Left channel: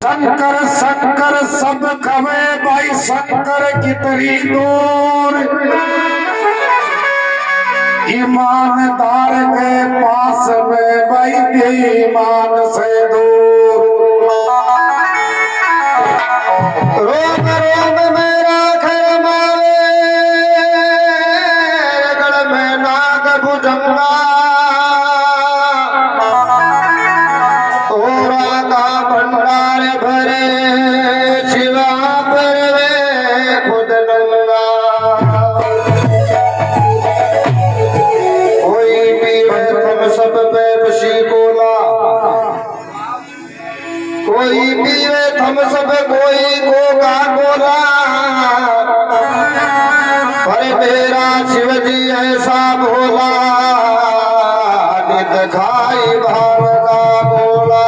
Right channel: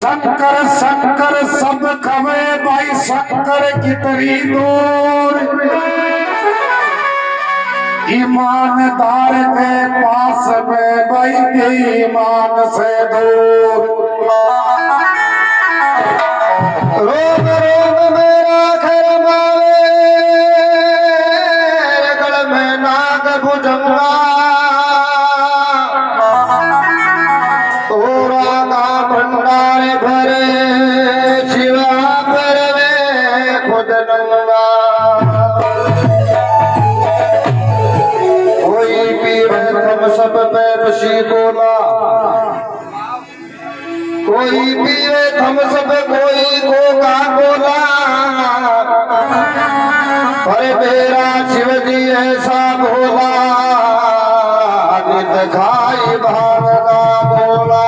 शंकर शंकर सब खवे भाई शंकर की तरी दूर ईमानदार के पास में भाई ईमान से दूर रोग रोग मेरा घर मावे गल में नाग भुजंगा भंडार भरे शिवा पर वे खुद लूंगा कोई पीवे हम सब पे बशी बोला कोई पीवे हम सब कोई कोका बोला पर मेरा शिव जी ऐसा बोला नित खाई भावना बोला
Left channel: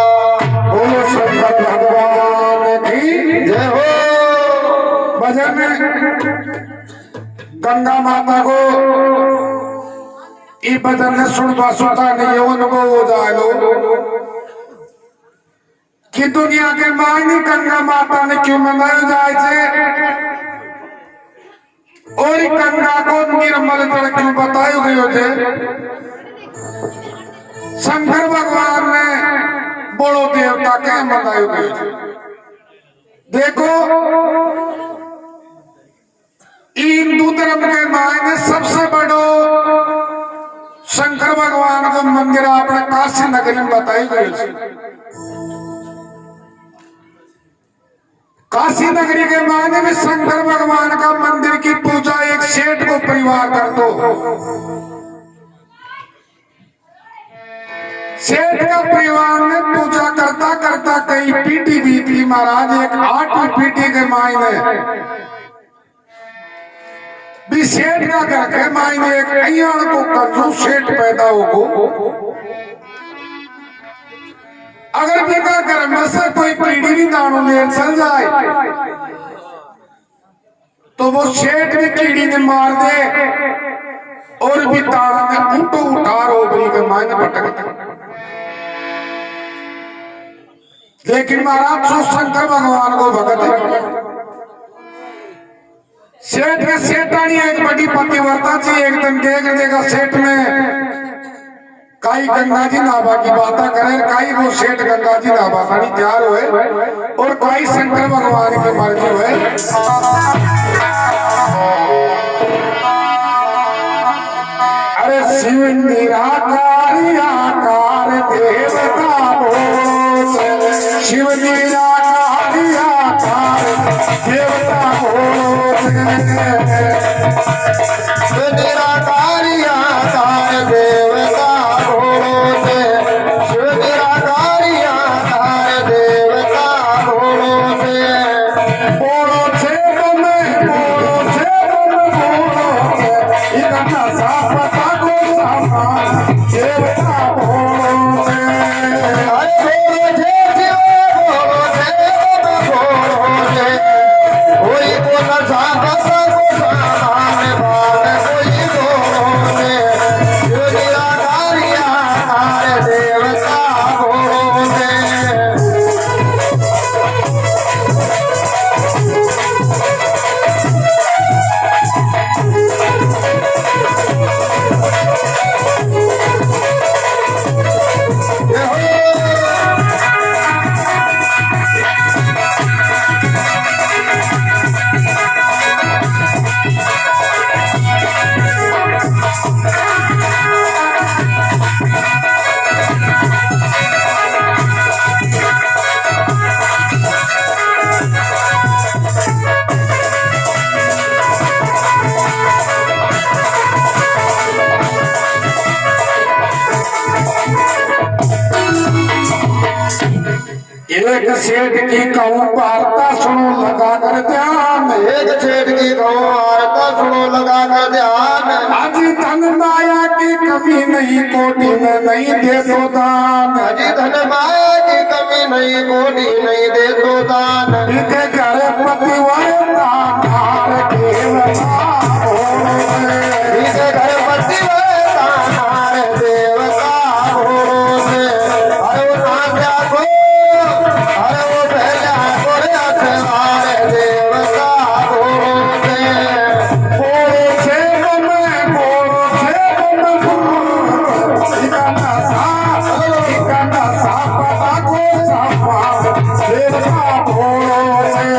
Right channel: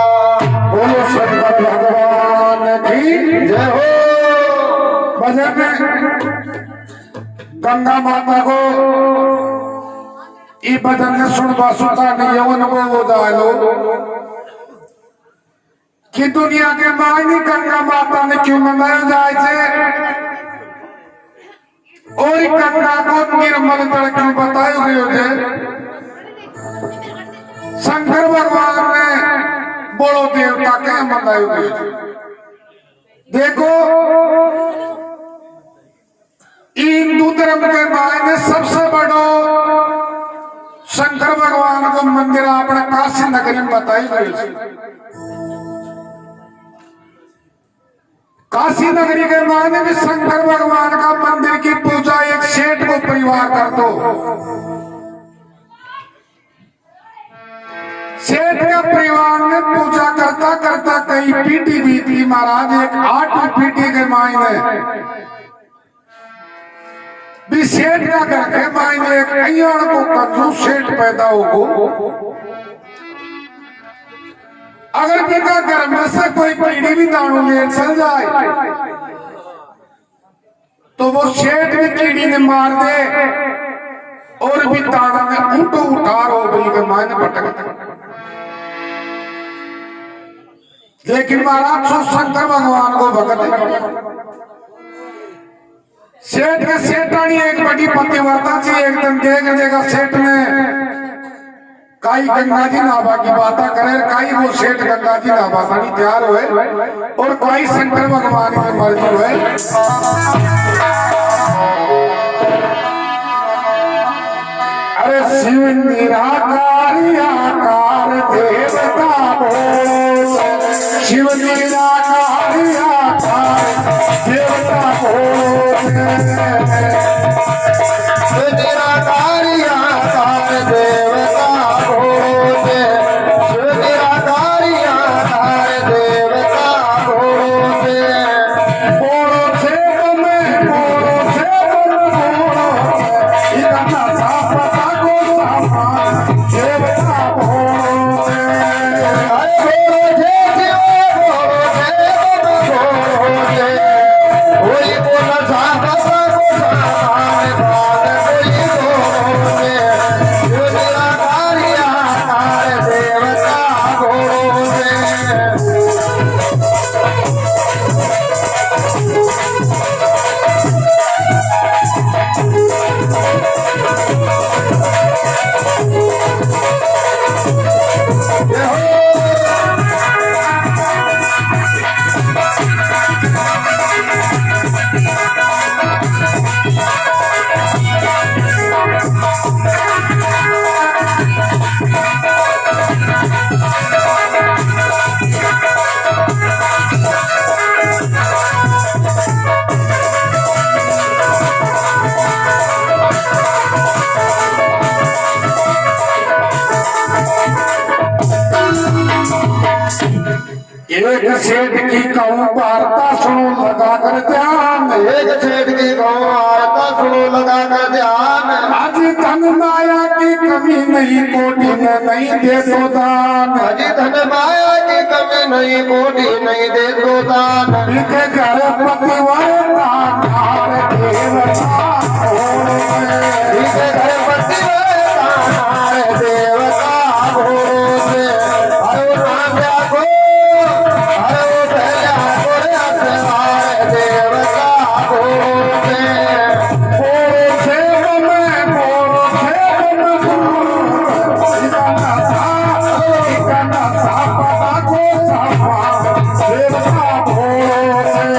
भगवान की जय हो। भजन में गंगा माता को ई भजन ने सुन सुनता नहीं अनुभव हो जाए कि दुनिया के मायने गंगा माता ने क्यों मनाया जाए और गंगा को निर्मल जल क्यों बताया गयो शंकर भगवान ने बड़ो देवता क्या मनायो गयो देखो हिंदू धर्म के मायने सबसे बड़ो शंकर भगवान का मंदिर अपने काशी नगरी में बताई गई काशी नगरी के मायने में शंकर भगवान का मंदिर की पूजा एक सेठ को परिवार कर दो सेठ का परिवार ने पूजा करता करता कई पीटी बीती महाराज एक 8वीं पीटी के मायने भी सेठ का घर के मायने एक अय्यान को कंजूस सेठ पैदा हो अगर बेटा घर में से कोई पीढ़ी भी दानों में चल जाए तो वो सेठ भी कीड़ी ने मार दे और भी ताना में ऊँटो उठा रोबरी के मायने भटकता लेकिन महाराज सो शंकर भगवान को भगत सेठ के सेठानी एक बड़ी पतिव्रता थी एक दिन कह देगा सेठ में काई गंगा जी नाभा की बात करे काई वो सेठ गंगा जी नाभा साड़ी तैयार हुए और काई शंकर भगवान की मर्जी हुए अरे शिव निराकारी आकार देवता बोल शिव निराकारी आकार देवता बोल निराकारी आकार देवता बोल शिव निराकारी आकार देवता बोल बोलो से बम इतना सापता को सामान देवता बोल एक सेठ की कहूँ वार्ता सुनो लगा कर ध्यान एक सेठ की कहूँ वार्ता सुनो लगा कर ध्यान आज धन माया की कमी नहीं कोटि में नहीं दे दो दान आज धन माया की कमी नहीं कोटि नहीं दे दो दान बीते घर पतिव्रता नार देवता बीते घर पतिव्रता नार देवता भोले अरे नाम को अरे भोलो से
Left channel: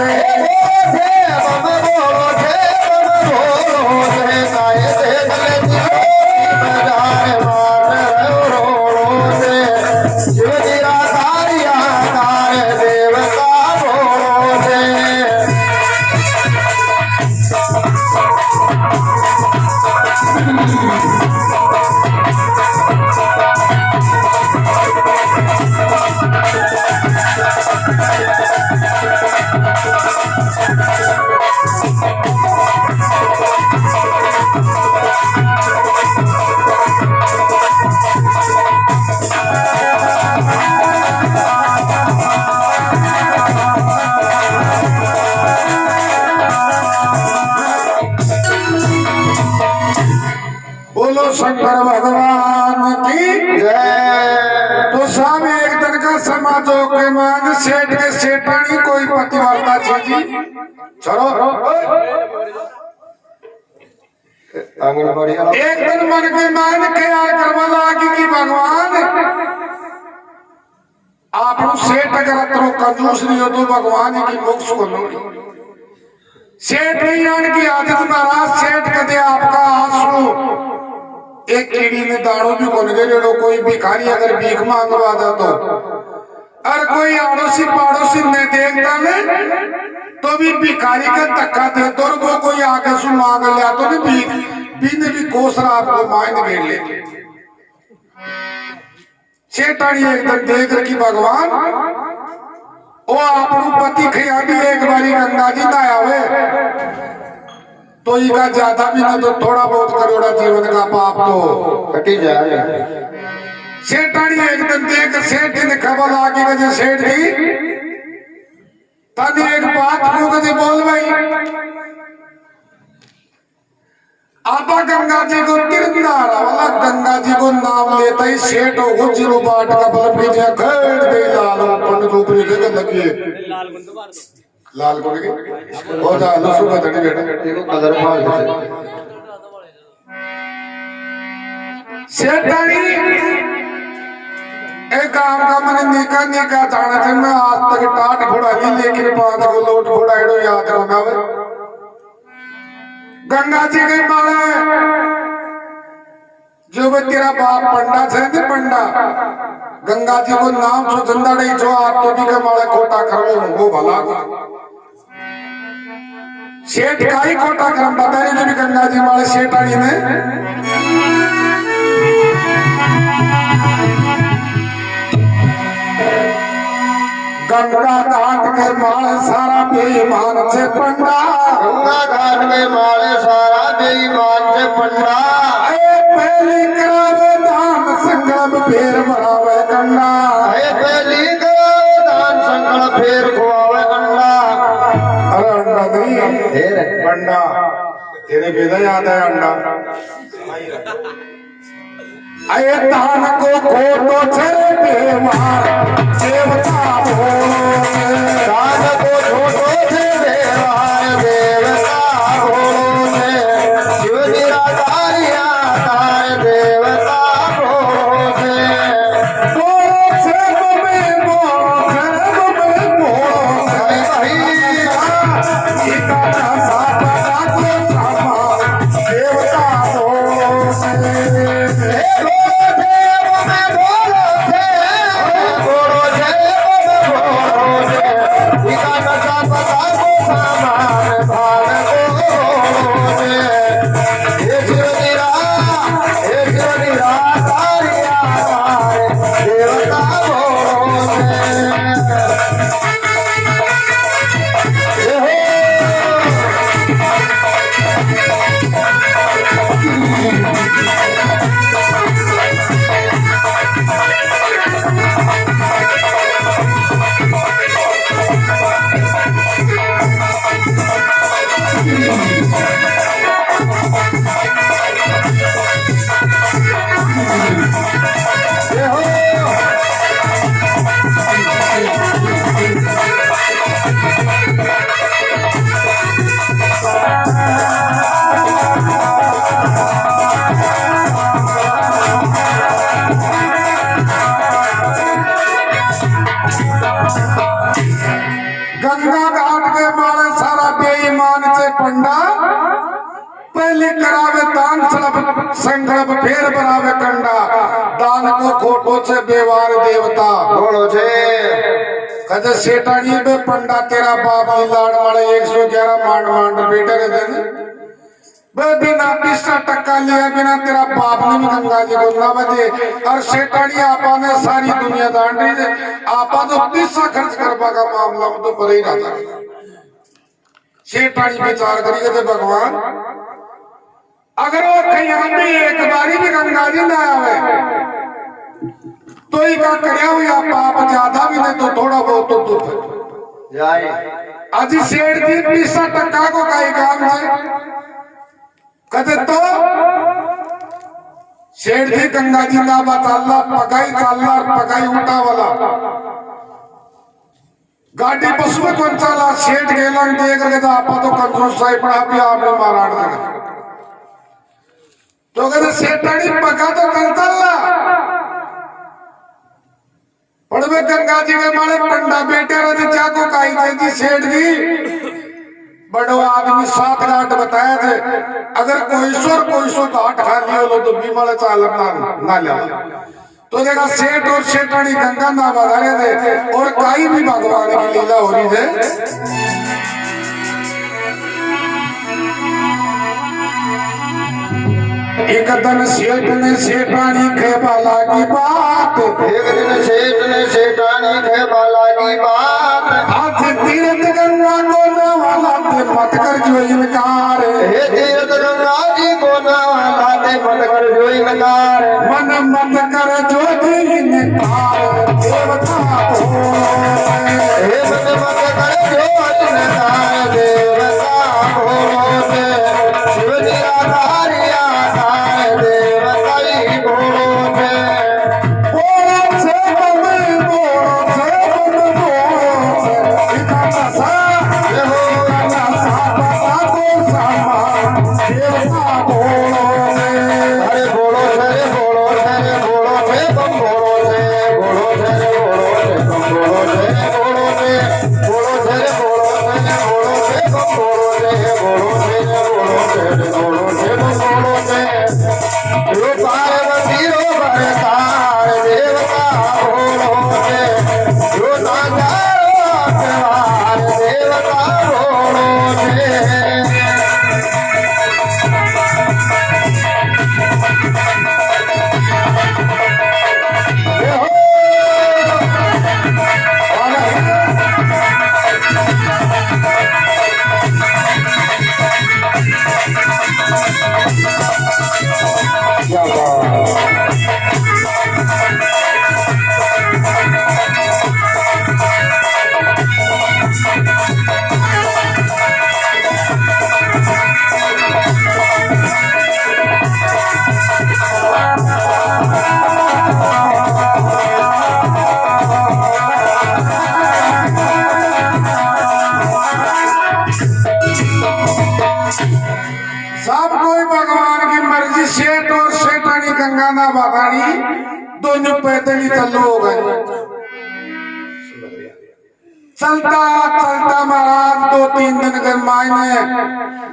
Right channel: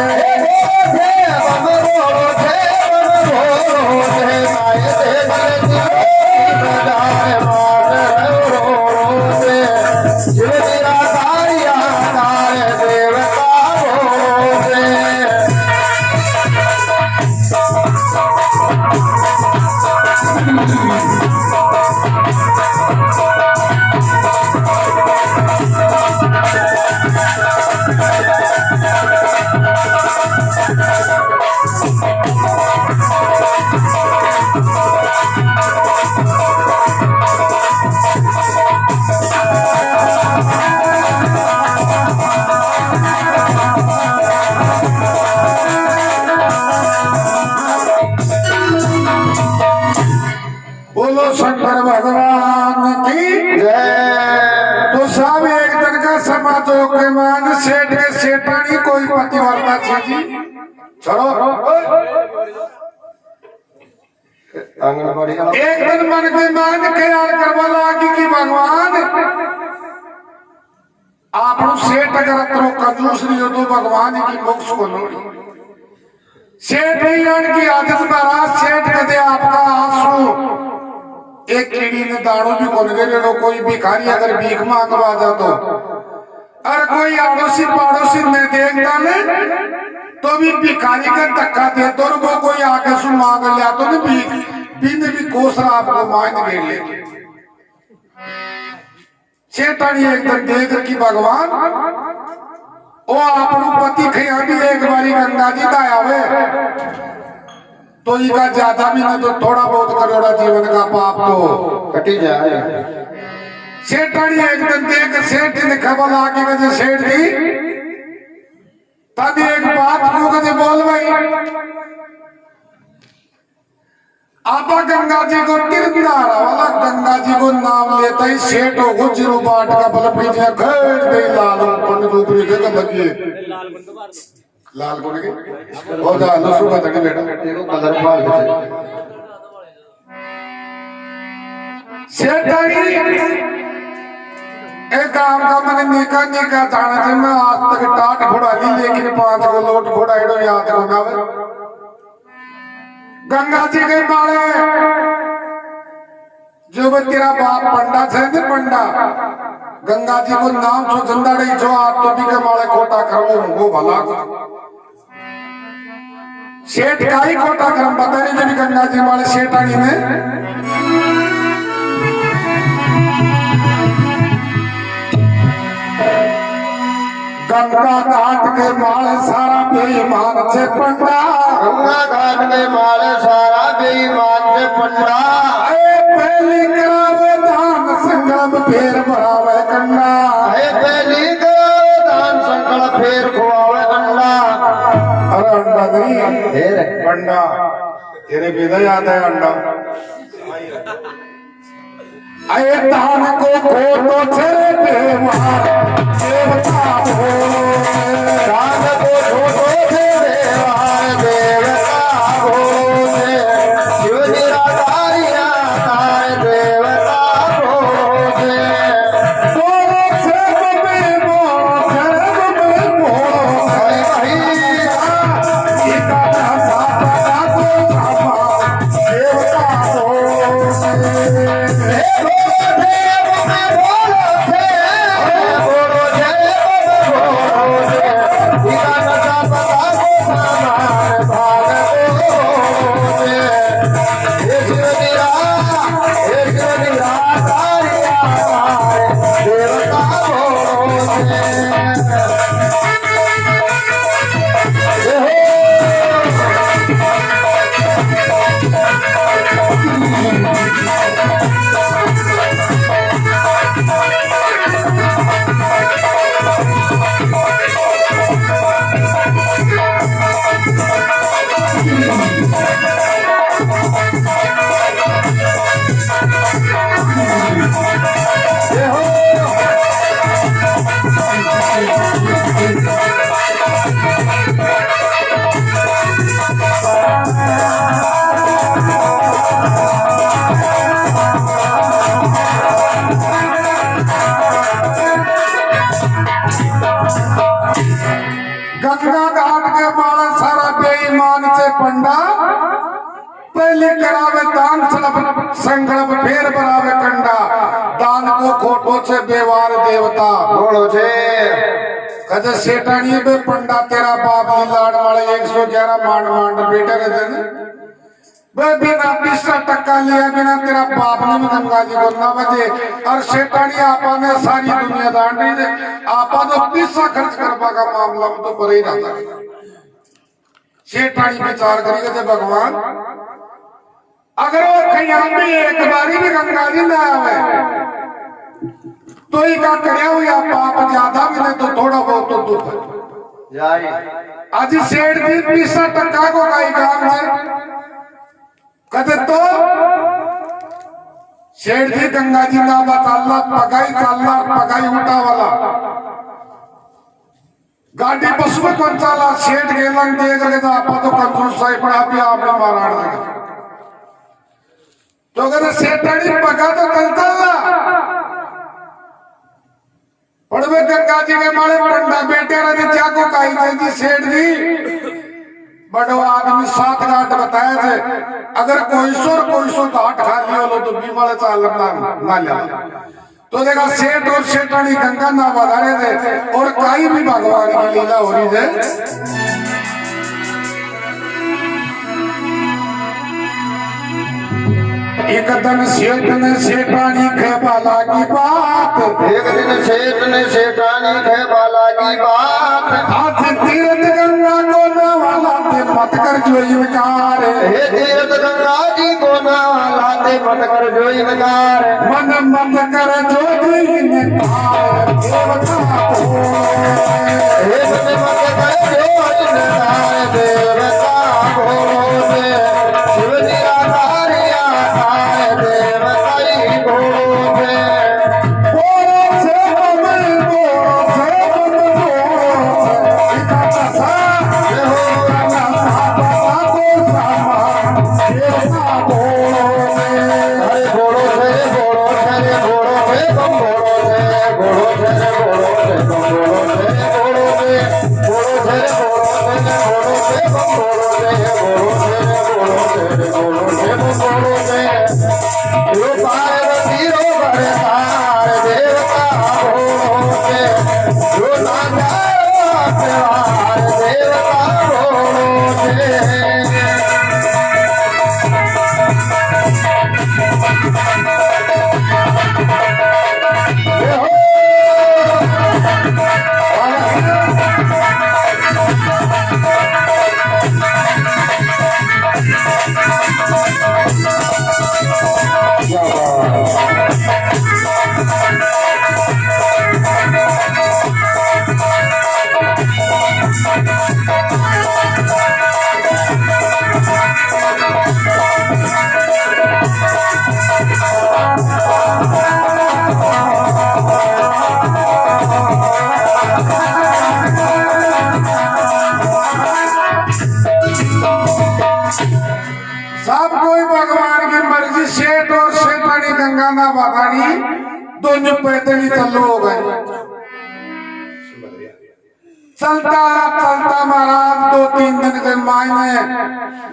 बोलो शंकर भगवान की जय। तो साहब एक दिन का समाजों के मान सेठ के सेठानी कोई पतिव्रता जी चलो एक दिन मन के मान के यार करवा लागी कि भगवान आप सेठ अगर अतरो कंजूस नहीं हो तो भगवान की मोक्ष को सेठ नहीं की आदत महाराज सेठ कहते आपका आंसू एक कीड़ी में दाड़ू भी खोल गए लो कोई भिखारी अगर भीख मांग रहा था तो और कोई आड़ोसी पड़ोसी में देखता में तो भी भिखारी का धक्का दे तो वो कोई आगे सु मांग लिया तो भी भीख बिन भी कोसरा आपको मांग घेर ले शेतानी एक दिन देख कि भगवान वो आप पति खिया भी एक बारी गंगा जी लाया हुए तो इका ज्यादा भी नहीं तो थोड़ा बहुत करोड़ा जीवन का पाप तो कटी जाए। सेठानी एक दिन देख सेठ ने खबर आके कहे सेठ जी तब एक बात को कहे बोल भाई आपा गंगा जी को तिरंदारा वाला गंगा जी को नाम लेता ही सेठ हो गुजरू बाट का बल पीछे खड़ दे लाल पन रूप में जगह लगी लाल को लगे हो जा लसु का तड़ी बेटा तेरे कलर मार सेठानी एक काम का मैंने निका निका जाना थे मैं आज तक टाट फोड़ा नहीं लेकिन 5 को लोट फोड़ा एडो याद रखना गंगा जी के मारे जो भी तेरा बाप पंडा थे ने पंडा गंगा जी को नाम सो जिंदा नहीं जो आप तो भी के मारे खोटा करो वो भला सेठ का ही खोटा कर्म बता रही जो भी गंगा जी मारे सेठानी ने गंगा घाट के माले सारा बेईमान से पंडा गंगा घाट के माले सारा बेईमान से पंडा पहली करावे दान संकल्प फेर भरावे गंगा पहली करावे दान संकल्प फेर खुआवे गंगा अरे अंडा नहीं पंडा तेरे बेदा याद है अंडा अये दान को खोटो छे बेईमान देवता हो दान को खोटो छे बेईमान देवता हो शिव निराकारिया तार देवता हो बोलो छे में बोलो सीता का साता को सामा देवता हो गंगा घाट के माले सारा बेईमान से पंडा पहले करावे दान संकल्प फेर बनावे कंडा दान को खोटो से बेवार देवता बोलो छे कदे सेठानी बे पंडा तेरा बाप की लाड़ वाले 111 मांड मांड बेटे रहते वे बिना 20% लिया बिना तेरा बाप ने गंगा जी को ना बदे और सेठानी आपा ने सारी दुनिया दांडी दे आपा तो 30 खर्च करवा का मामला में तो पर ही रहता सेठानी विचार करेगा थे भगवान अगर वो कहीं भी एक बारी भी गंगा जी ना आवे तो ही का करया हुआ पाप ज्यादा भी नहीं तो थोड़ा बहुत तो दुख जाए अजी सेठ जी 20% को कई काम से कहते तो सेठ जी गंगा जी ना चलना पकाई उठा वाला गाड़ी बस में कौन चला सेठ गेला देख रहे था आपा तो कंजूस सही पड़ा भी आपने मारा लगा तो कहते सेठानी पका तो चलता पड़वे गंगा जी के मारे पंडा बेटे रहते चाको काई थे जी सेठ जी बड़ो आदमी 7 घाट बताया थे अगर कोई सो घाट खा लियो तो बीमार चाल ना ले तो देखा सेठ और सेठानी गंगा ना बता रहे थे और काई भी भगवान की लीला हो रही है एक दिन सेठ ने सेठानी खे बाला की बात एक दिन सेठ ने सेठानी खे बाला की बात आज तीर्थ गंगा को नवाला ते मत कर जो इनकार हे तीर्थ गंगा जी को नवाला ते मत कर जो इनकार मन मत कर जो इनकार देवता को हे मन मत कर जो इनकार देवता को शिव जी आधारिया सब कोई भगवान की मर्जी सेठ और सेठानी गंगा ना बागानी दोनों पैदल ही चलो हो गए चलता चलता महाराज 2-3 दिन के मायने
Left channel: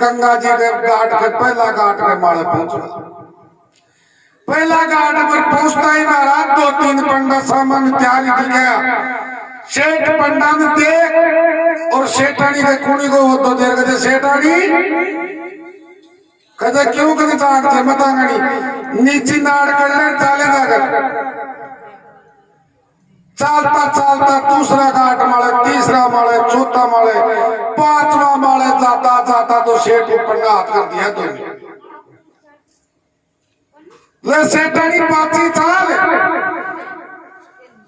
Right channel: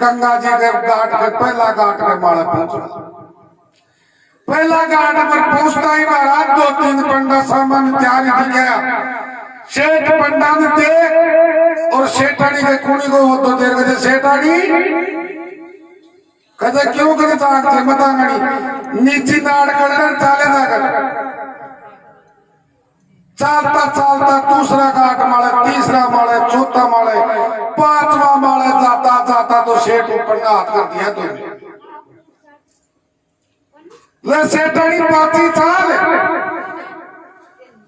गंगा जी के घाट के पहला घाट के मारे पहुंचा पहला घाट पर पहुंचता ही महाराज 2-3 पंडा सामान त्याग दिया सेठ पंडा ने देख और सेठानी के कुणी को तो देर गए सेठानी कहते क्यों करे ताक थे मतांगड़ी नीचे नाड़ कर चाले ना कर चलता चलता दूसरा घाट माले तीसरा माले चौथा माले 5वां माले जाता जाता तो सेठ ऊपर का हाथ कर दिया तो ले सेठानी 5 साल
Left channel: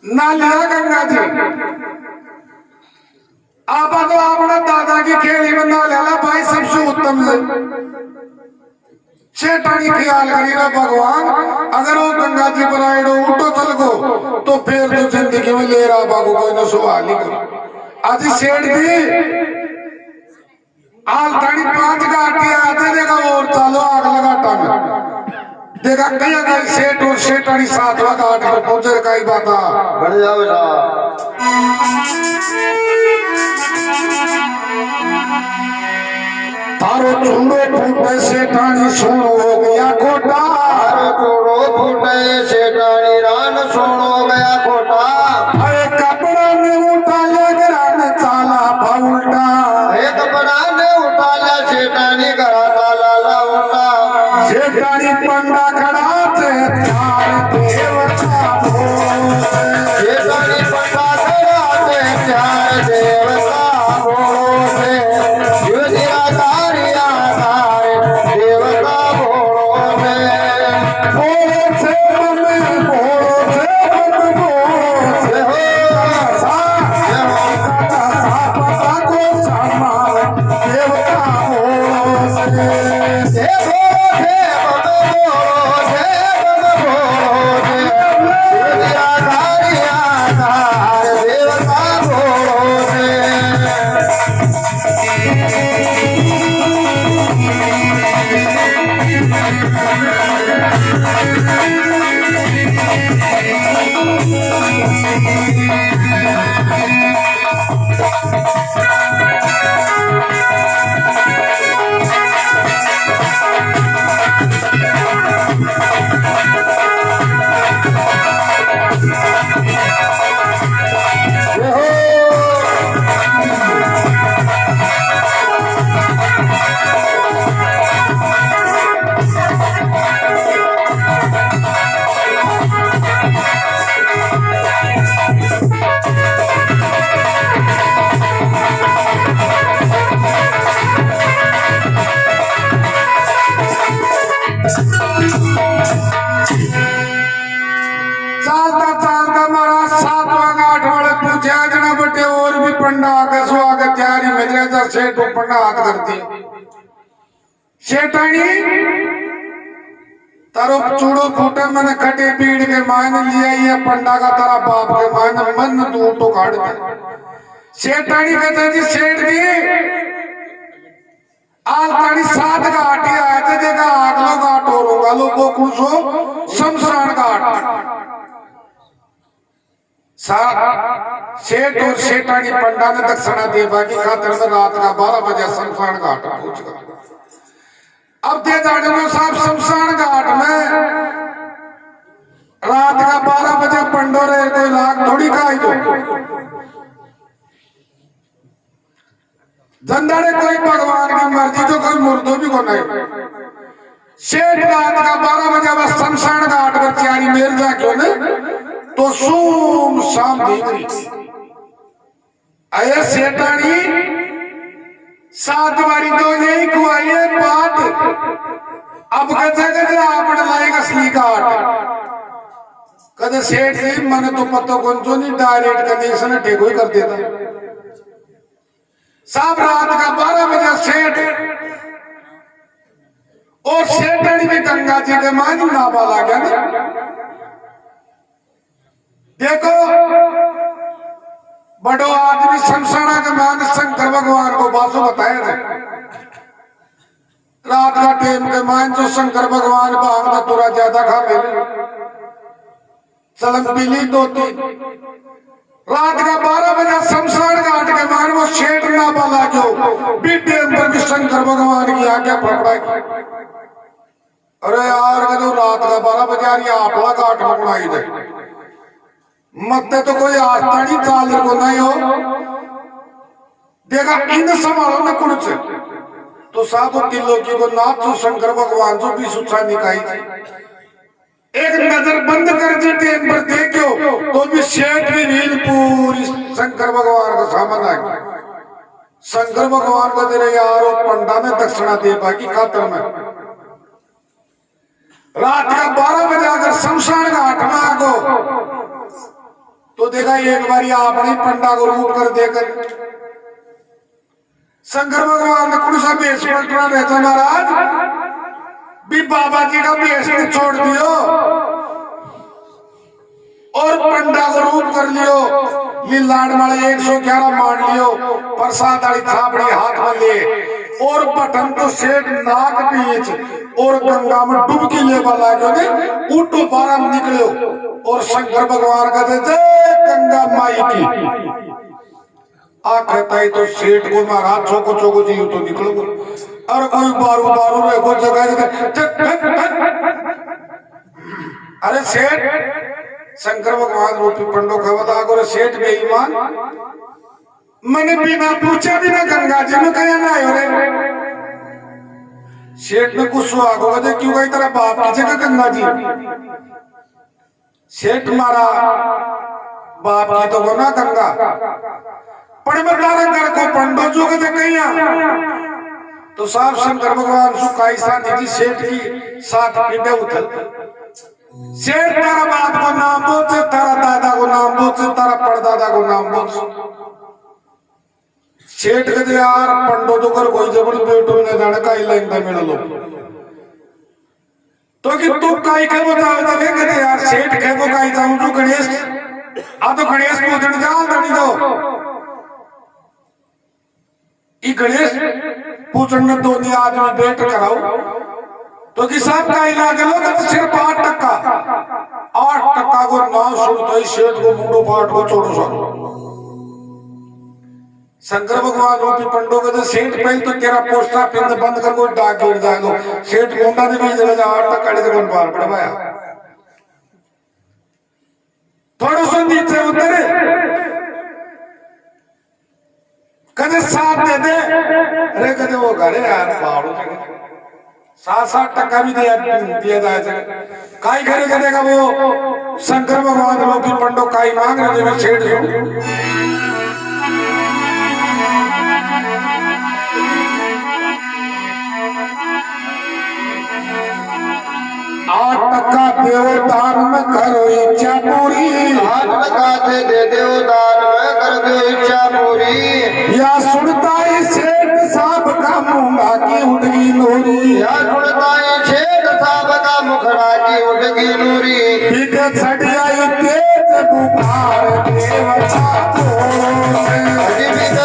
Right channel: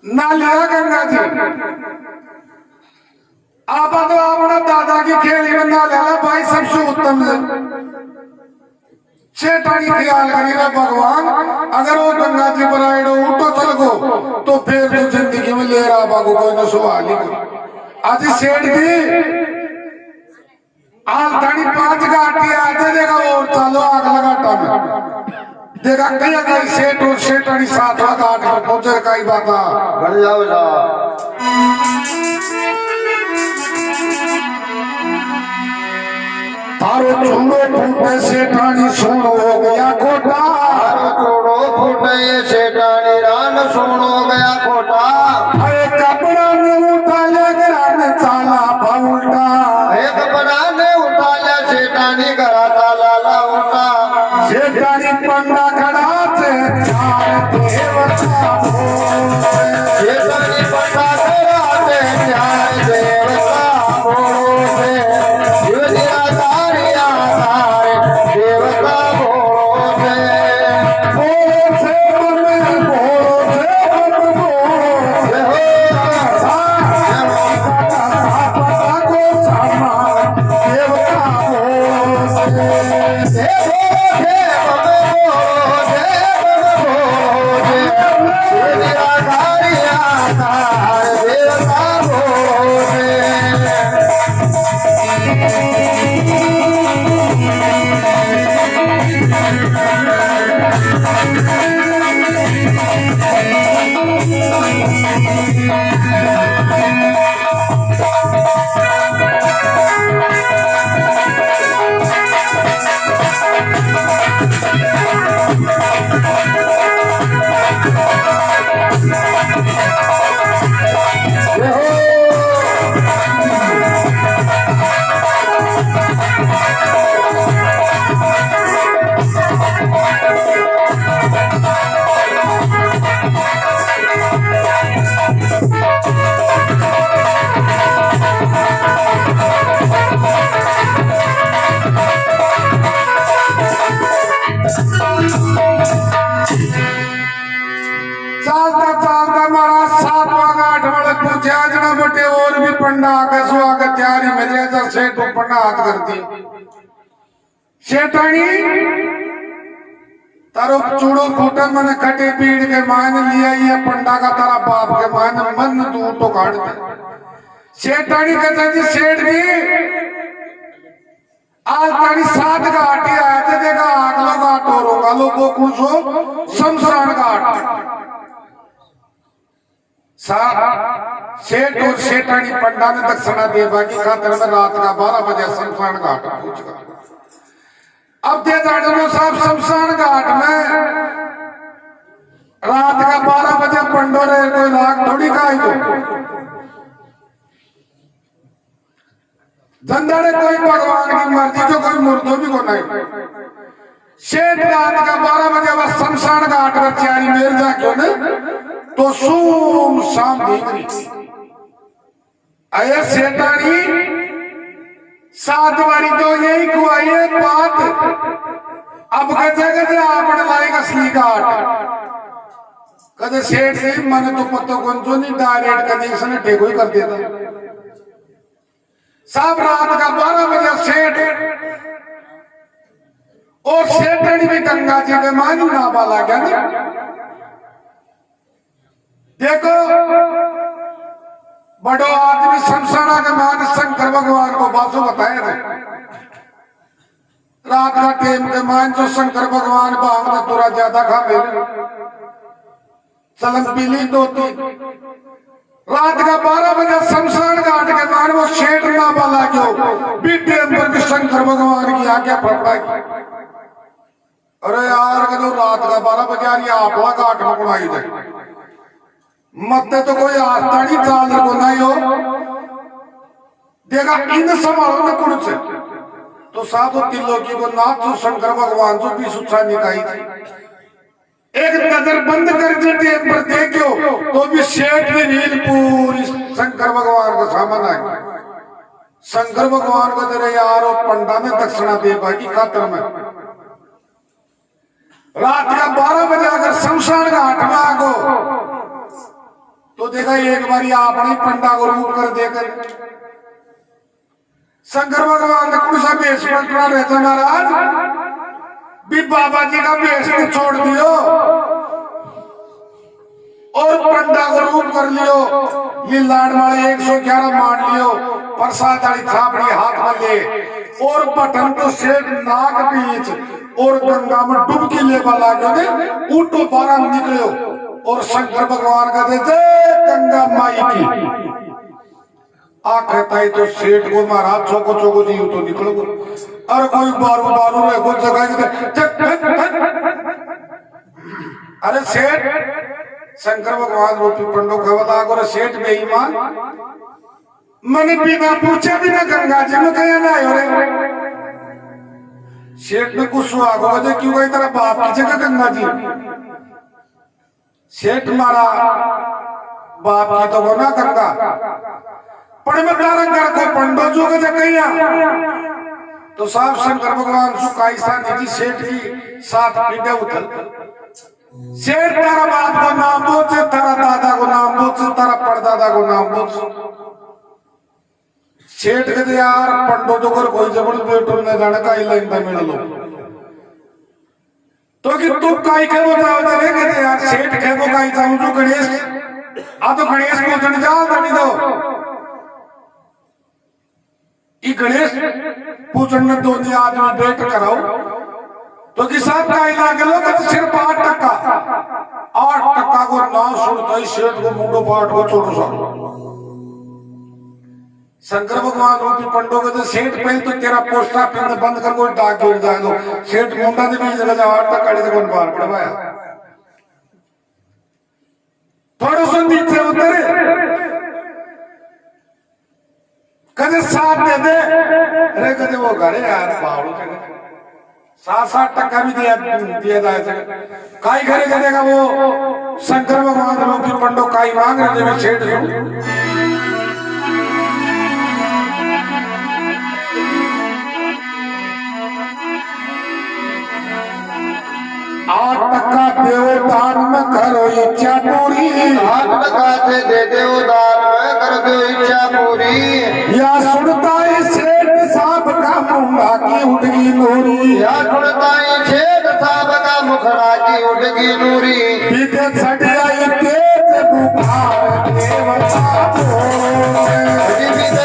ना लिया गंगा जी आप तो अपना दादा की खेली में ना लेला भाई सबसे उत्तम है सेठानी ख्याल करी रहा भगवान अगर वो गंगा जी बनाए उठो चल गो तो फिर तो जिंदगी में ले रहा बागो कोई ना सवाल नहीं आज सेठ जी आल धानी 5 घाटी आते देखा और चलो अगला घाटा में देखा कहीं कहीं सेठ और सेठानी 7वां घाट पर पहुंचे कई बात बढ़ जाओ थारो चूड़ो फूटे सेठानी सोनो हो गया खोटा, थारो चूड़ो फूटे सेठानी रान सोनो गया खोटा। अरे कपड़ा ने उठा ले घरान चाला फाउल्टा, अरे कपड़ा ने उठा ले सेठानी घरा चाला लाउटा। सेठानी पंडा खड़ा से चार देवता बोले, सेठानी पंडा खड़ा से चार देवता बोले। युधिया तारिया तारे देवता बोले। बोलो से मन बोलो से मन बोलो से सा पता को सामा देवता बोलो से चालता चालता महाराज 7वां गांठ वाले पूछे जना बटे और भी पंडा का स्वागत तैयारी में जैसा सेठ पंडा हाथ करती सेठानी तारो चूड़ो फूटे मैंने खटे पीड़ के मान लिया ये पंडा का तारा बाप के मान मन तू तो काट दे। सेठानी कहता जी सेठ जी आज तारी 7 घाट ही आया थे देखा अगला घाट और होगा लोगों को शमशान घाट सेठ और सेठानी पंडा ने दक्षिणा दे बाकी खातर में रात का 12 बजे शमशान घाट पहुंच गया। अब दे जानो साहब शमशान घाट में रात का 12 बजे पंडो रहे कोई राग थोड़ी का ही दो धंधारे कोई भगवान की मर्जी जो कोई मुर्दो भी को नहीं। सेठ रात का 12 बजे बस शमशान घाट पर तैयारी मेर जाके ने तो सुम शाम देख रही अये सेठानी 7 बारी तो यही खुआई एक बात अब कहे आपने लाएगा असली घाट कदे सेठ जी मन तो पत्तो कौन जो नहीं डायरेक्ट कनेक्शन टेको ही कर देता साहब रात का 12 बजे सेठ और सेठानी भी गंगा जी के मानी नाबा ला गया ना देखो बड़ो आदमी शमशाना के मान शंकर भगवान को बासो बताए थे रात का टाइम के मान जो शंकर भगवान भांगना थोड़ा ज्यादा खा मेरे चलन पीली 2-3 रात का 12 बजे शमशान घाट के मान वो शेठ नाबा लागो बीते अंदर भी शंकर भगवान की आज्ञा पकड़ा की अरे यार के तो रात का 12 बजे आ रही आपला घाट में बनाई जाए मत तो कोई आस्तानी चाल को नहीं हो देखा इन संभालो न कुछ तो साधु तिलोकी को नाथ जो शंकर भगवान जो भी सुचा निकाई थी एक नजर बंद कर दी टेम पर देखो तो भी शेठ की रील पूरी शंकर भगवान का सामान आ गया। शंकर भगवान को तेरे यार पंडा ने दक्षिणा दे बाकी खातर में रात का 12 बजे अगर शमशान घाट में आगो तो देखा एक बार आपने पंडा को रूप कर देकर शंकर भगवान ने कुछ बेस पलटना रहता महाराज भी बाबा जी का बेस छोड़ दियो और पंडा को रूप कर लियो ये लाड माले 111 मान लियो प्रसाद वाली छापड़ी हाथ में ले और बटन को सेठ नाक बीच और गंगा में डुबकी ले वाला ने उठो बारह निकलो और शंकर भगवान कहते जय गंगा माई की आखताई तो सेठ को महाराज चौको चौको जी तो निकल गो और कोई बारू बारू में को जगह अरे सेठ शंकर भगवान रूपी पंडो का बता करो सेठ बेईमान मैंने बिना पूछा बिना गंगा जी में कहा ना हो रे सेठ ने कुछ सुहाग होगा क्यों गई तेरा बाप की जगह गंगा जी सेठ मारा बाप की तो बना गंगा पर मैं तारा घर को पंडो जो के कैया तो साफ शंकर भगवान सु कायसा निधि सेठ की साथ पीटे उथल सेठ तारा बाप को नाम बोच तारा दादा को नाम बोच तारा परदादा को नाम बोच सेठ कहते यार पंडो तो कर कोई जबरी बेटू ने जाने का लाइन पे मिल लो तो कि तू काई के बताओ रे कहते यार सेठ के वो काई जाऊं जो गणेश आ तो गणेश पूजन जा दड़ी दो ई गणेश पूजन में दो आदमी बैठ कराओ तो जी साहब का इलाज लोग सिर्फ 8% को नाम सुनते ही सेठ को मुंडो पाट को छोड़ो सारो शंकर भगवान रूपी पंडो के तो सेठ पहले तो तेरा पोस्ट ऑफिस में बंद कर कोई डाक गिर जाए तो सेठ मुंडा ने भी जगह 8% से बन पार पड़वाया थोड़ा सा नीचे उतरे कदे साथ दे दे अरे कदे वो घरे यार बावड़ो 7-8% भी दिया जाए काई घरे करेगा वो शंकर भगवान रूपी पंडो काई मांग रहे थे सेठ से 8% देव दान में करो इच्छा पूरी 8% दे देव दान में कर दो इच्छा पूरी या सुनता है सेठ साहब का मुंगा की उड़गी नूरी या सुनता है सेठ साहब का मुखड़ा की उड़गी नूरी पीछे छट आई तेज बुखार देवता पीछे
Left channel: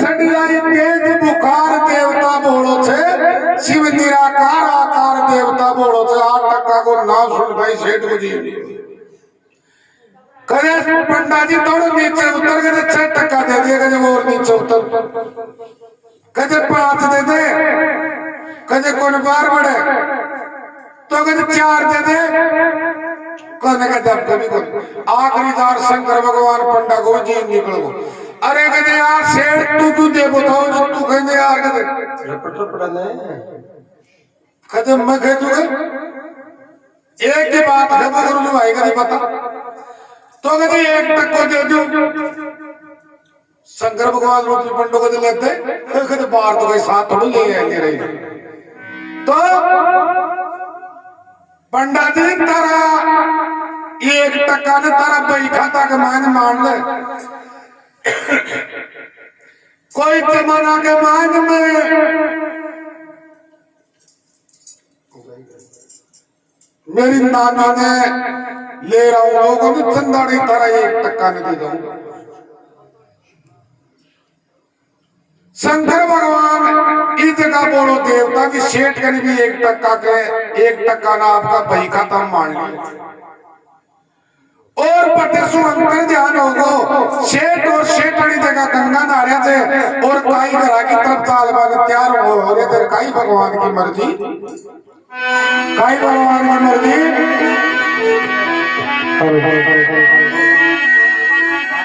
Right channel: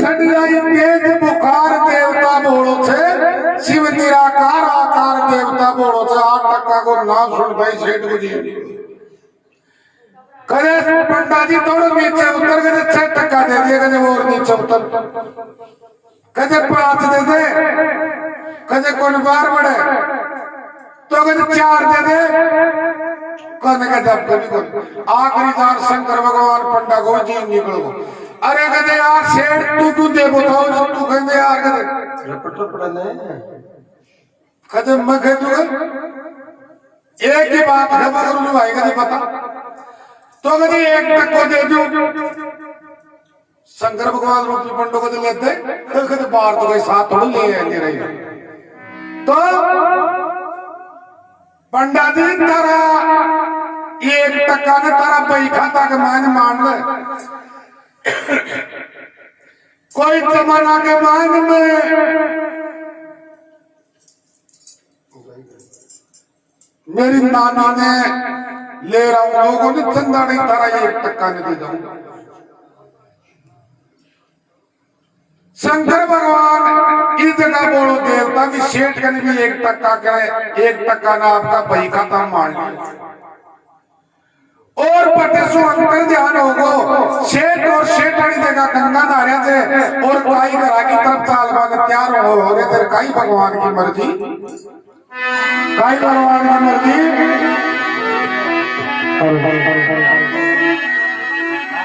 छट आई तेज बुखार देवता शिव निराकार आकार देवता बोलो तो 8% को ना सुन भाई सेठ को जी करे पंडा जी थोड़ा नीचे उतर के 6% दे दिएगा जब और नीचे उतर कदे 5 दे दे कदे कौन बार बढ़े तो कदे 4 दे दे कोने का जब कभी कोई आखिरी दार शंकर भगवान पंडा को जी निकल गो अरे कदे यार सेठ तू दे बताओ तू कहने यार कदे रपट पड़ने कदे मैं कह दूंगा एक ही बात खबर करूँ भाई कभी पता तो कभी 1% को दे दूं शंकर भगवान रूपी पंडो को दे लेते तो कभी बाहर तो कोई साथ थोड़ा ले आएंगे रही तो पंडा जी तारा 1% ने तारा बही खाता का मान ले कोई जमाना के मान में मेरी नाना ने ले रहा हूं लोगों ने चंदा नहीं तारा 1% ने दे दूंगा शंकर भगवान इस जगह बोलो देवता की सेठ के भी 1% करे 1% ना आपका बही खाता मान लिया और बटे सो अंतर ध्यान होगो सेठ और सेठानी देखा गंगा नारे थे और काई घरा की तरफ चालवान तैयार हो रहे थे काई भगवान की मर्जी काई भगवान की मर्जी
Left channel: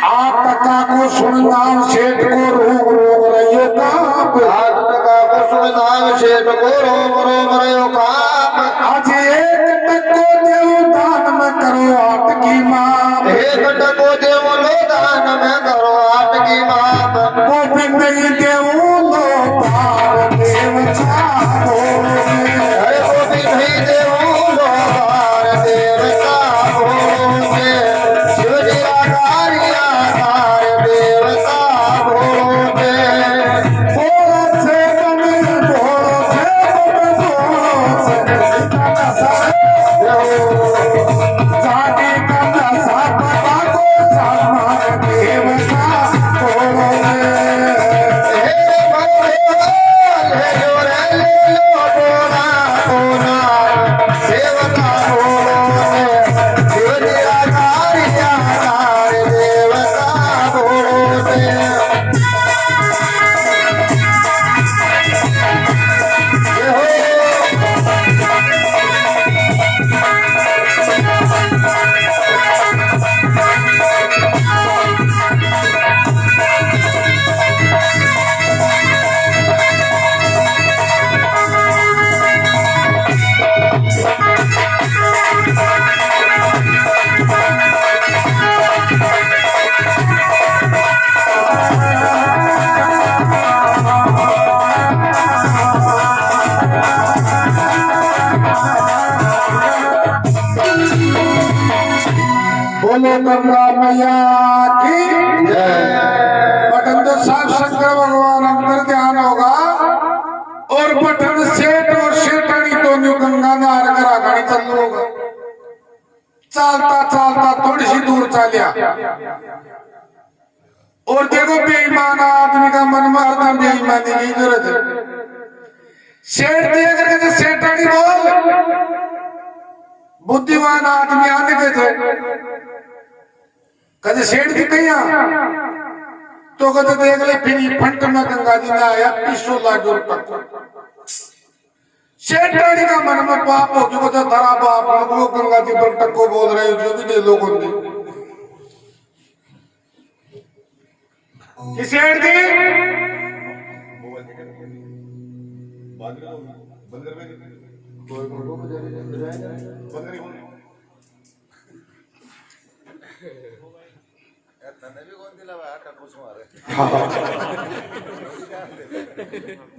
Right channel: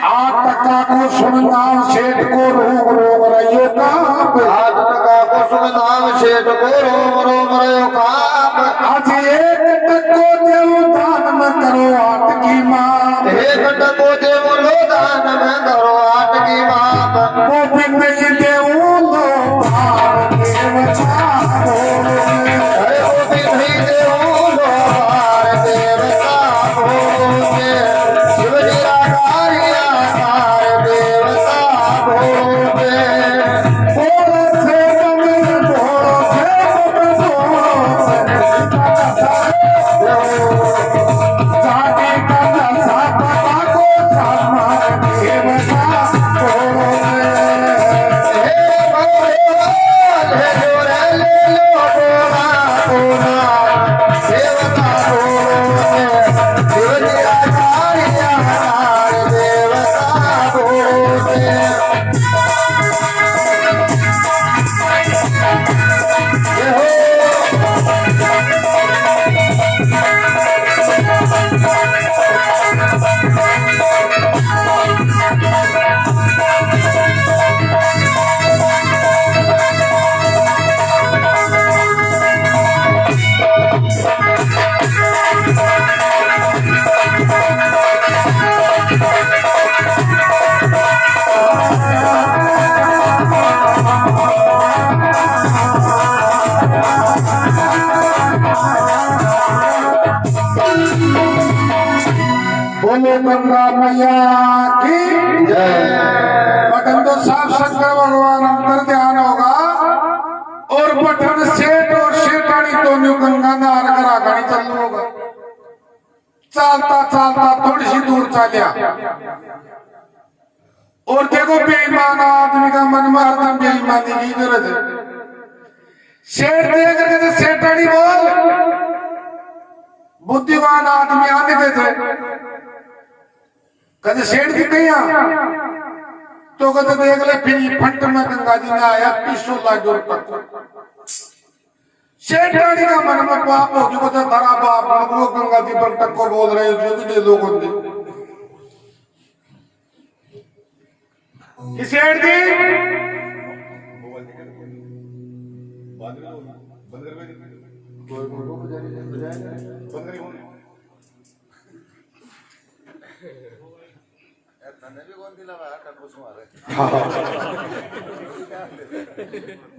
आठ टका को सुनना सेठ को रोग रोग रहियो का 8 टका को सुनना सेठ को रोग रोग रहियो का आज 1 टको देव दान न करो 8 की मां 1 टको देव लो दान में करो 8 की माप वो भी नहीं देव लो पार देवता अरे वो भी नहीं देव लो पार देवता भोगे शिव जी आकार देवता भोगे भोरो से तुम जाने का दशा पता को सम्मान देवता भोगे बोले गंगा मैया की बटन तो साफ शंकर भगवान अंतर ध्यान होगा और बटन सेठ और सेठानी तो न्यू गंगा नार करा गाड़ी चलू होगा चलता चलता थोड़ी सी दूर चलिया और देखो बेईमान आदमी का मन में हरदम बेईमानी की जरूरत है सेठ दिया करके सेठानी बोल बुद्धिमान आदमी आने के थे कदे सेठ की कहिया तो कदे देख ले फिर फंट में गंगा जी ने आया 200 लाख तक सेठानी का मन में पाप हो जो तो धरा बाप वो गंगा जी पर तक को बोल रहे जो भी दे लोगों की सेठ जी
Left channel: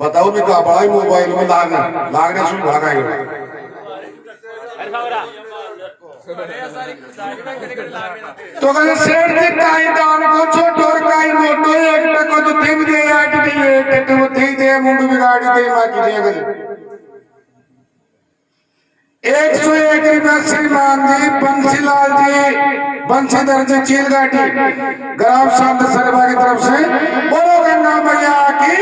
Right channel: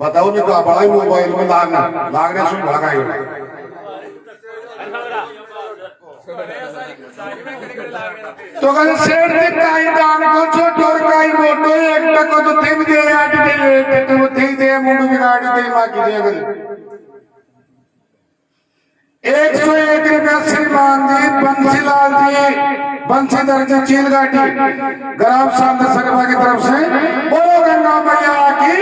बताओ मैं क्या बड़ा ही मोबाइल में लागने सुन लगाई तो कहीं सेठ जी काई दान को छोटो और काई मोटो एक टको तो तीन दे आठ दे एक तो तीन दे मुंडू बिगाड़ी दे मां की दे गई 101 रुपया श्रीमान जी बंसीलाल जी बंशीधर जी चीलगाटी ग्राम शांत सरवा की तरफ से बोलो गंगा मैया की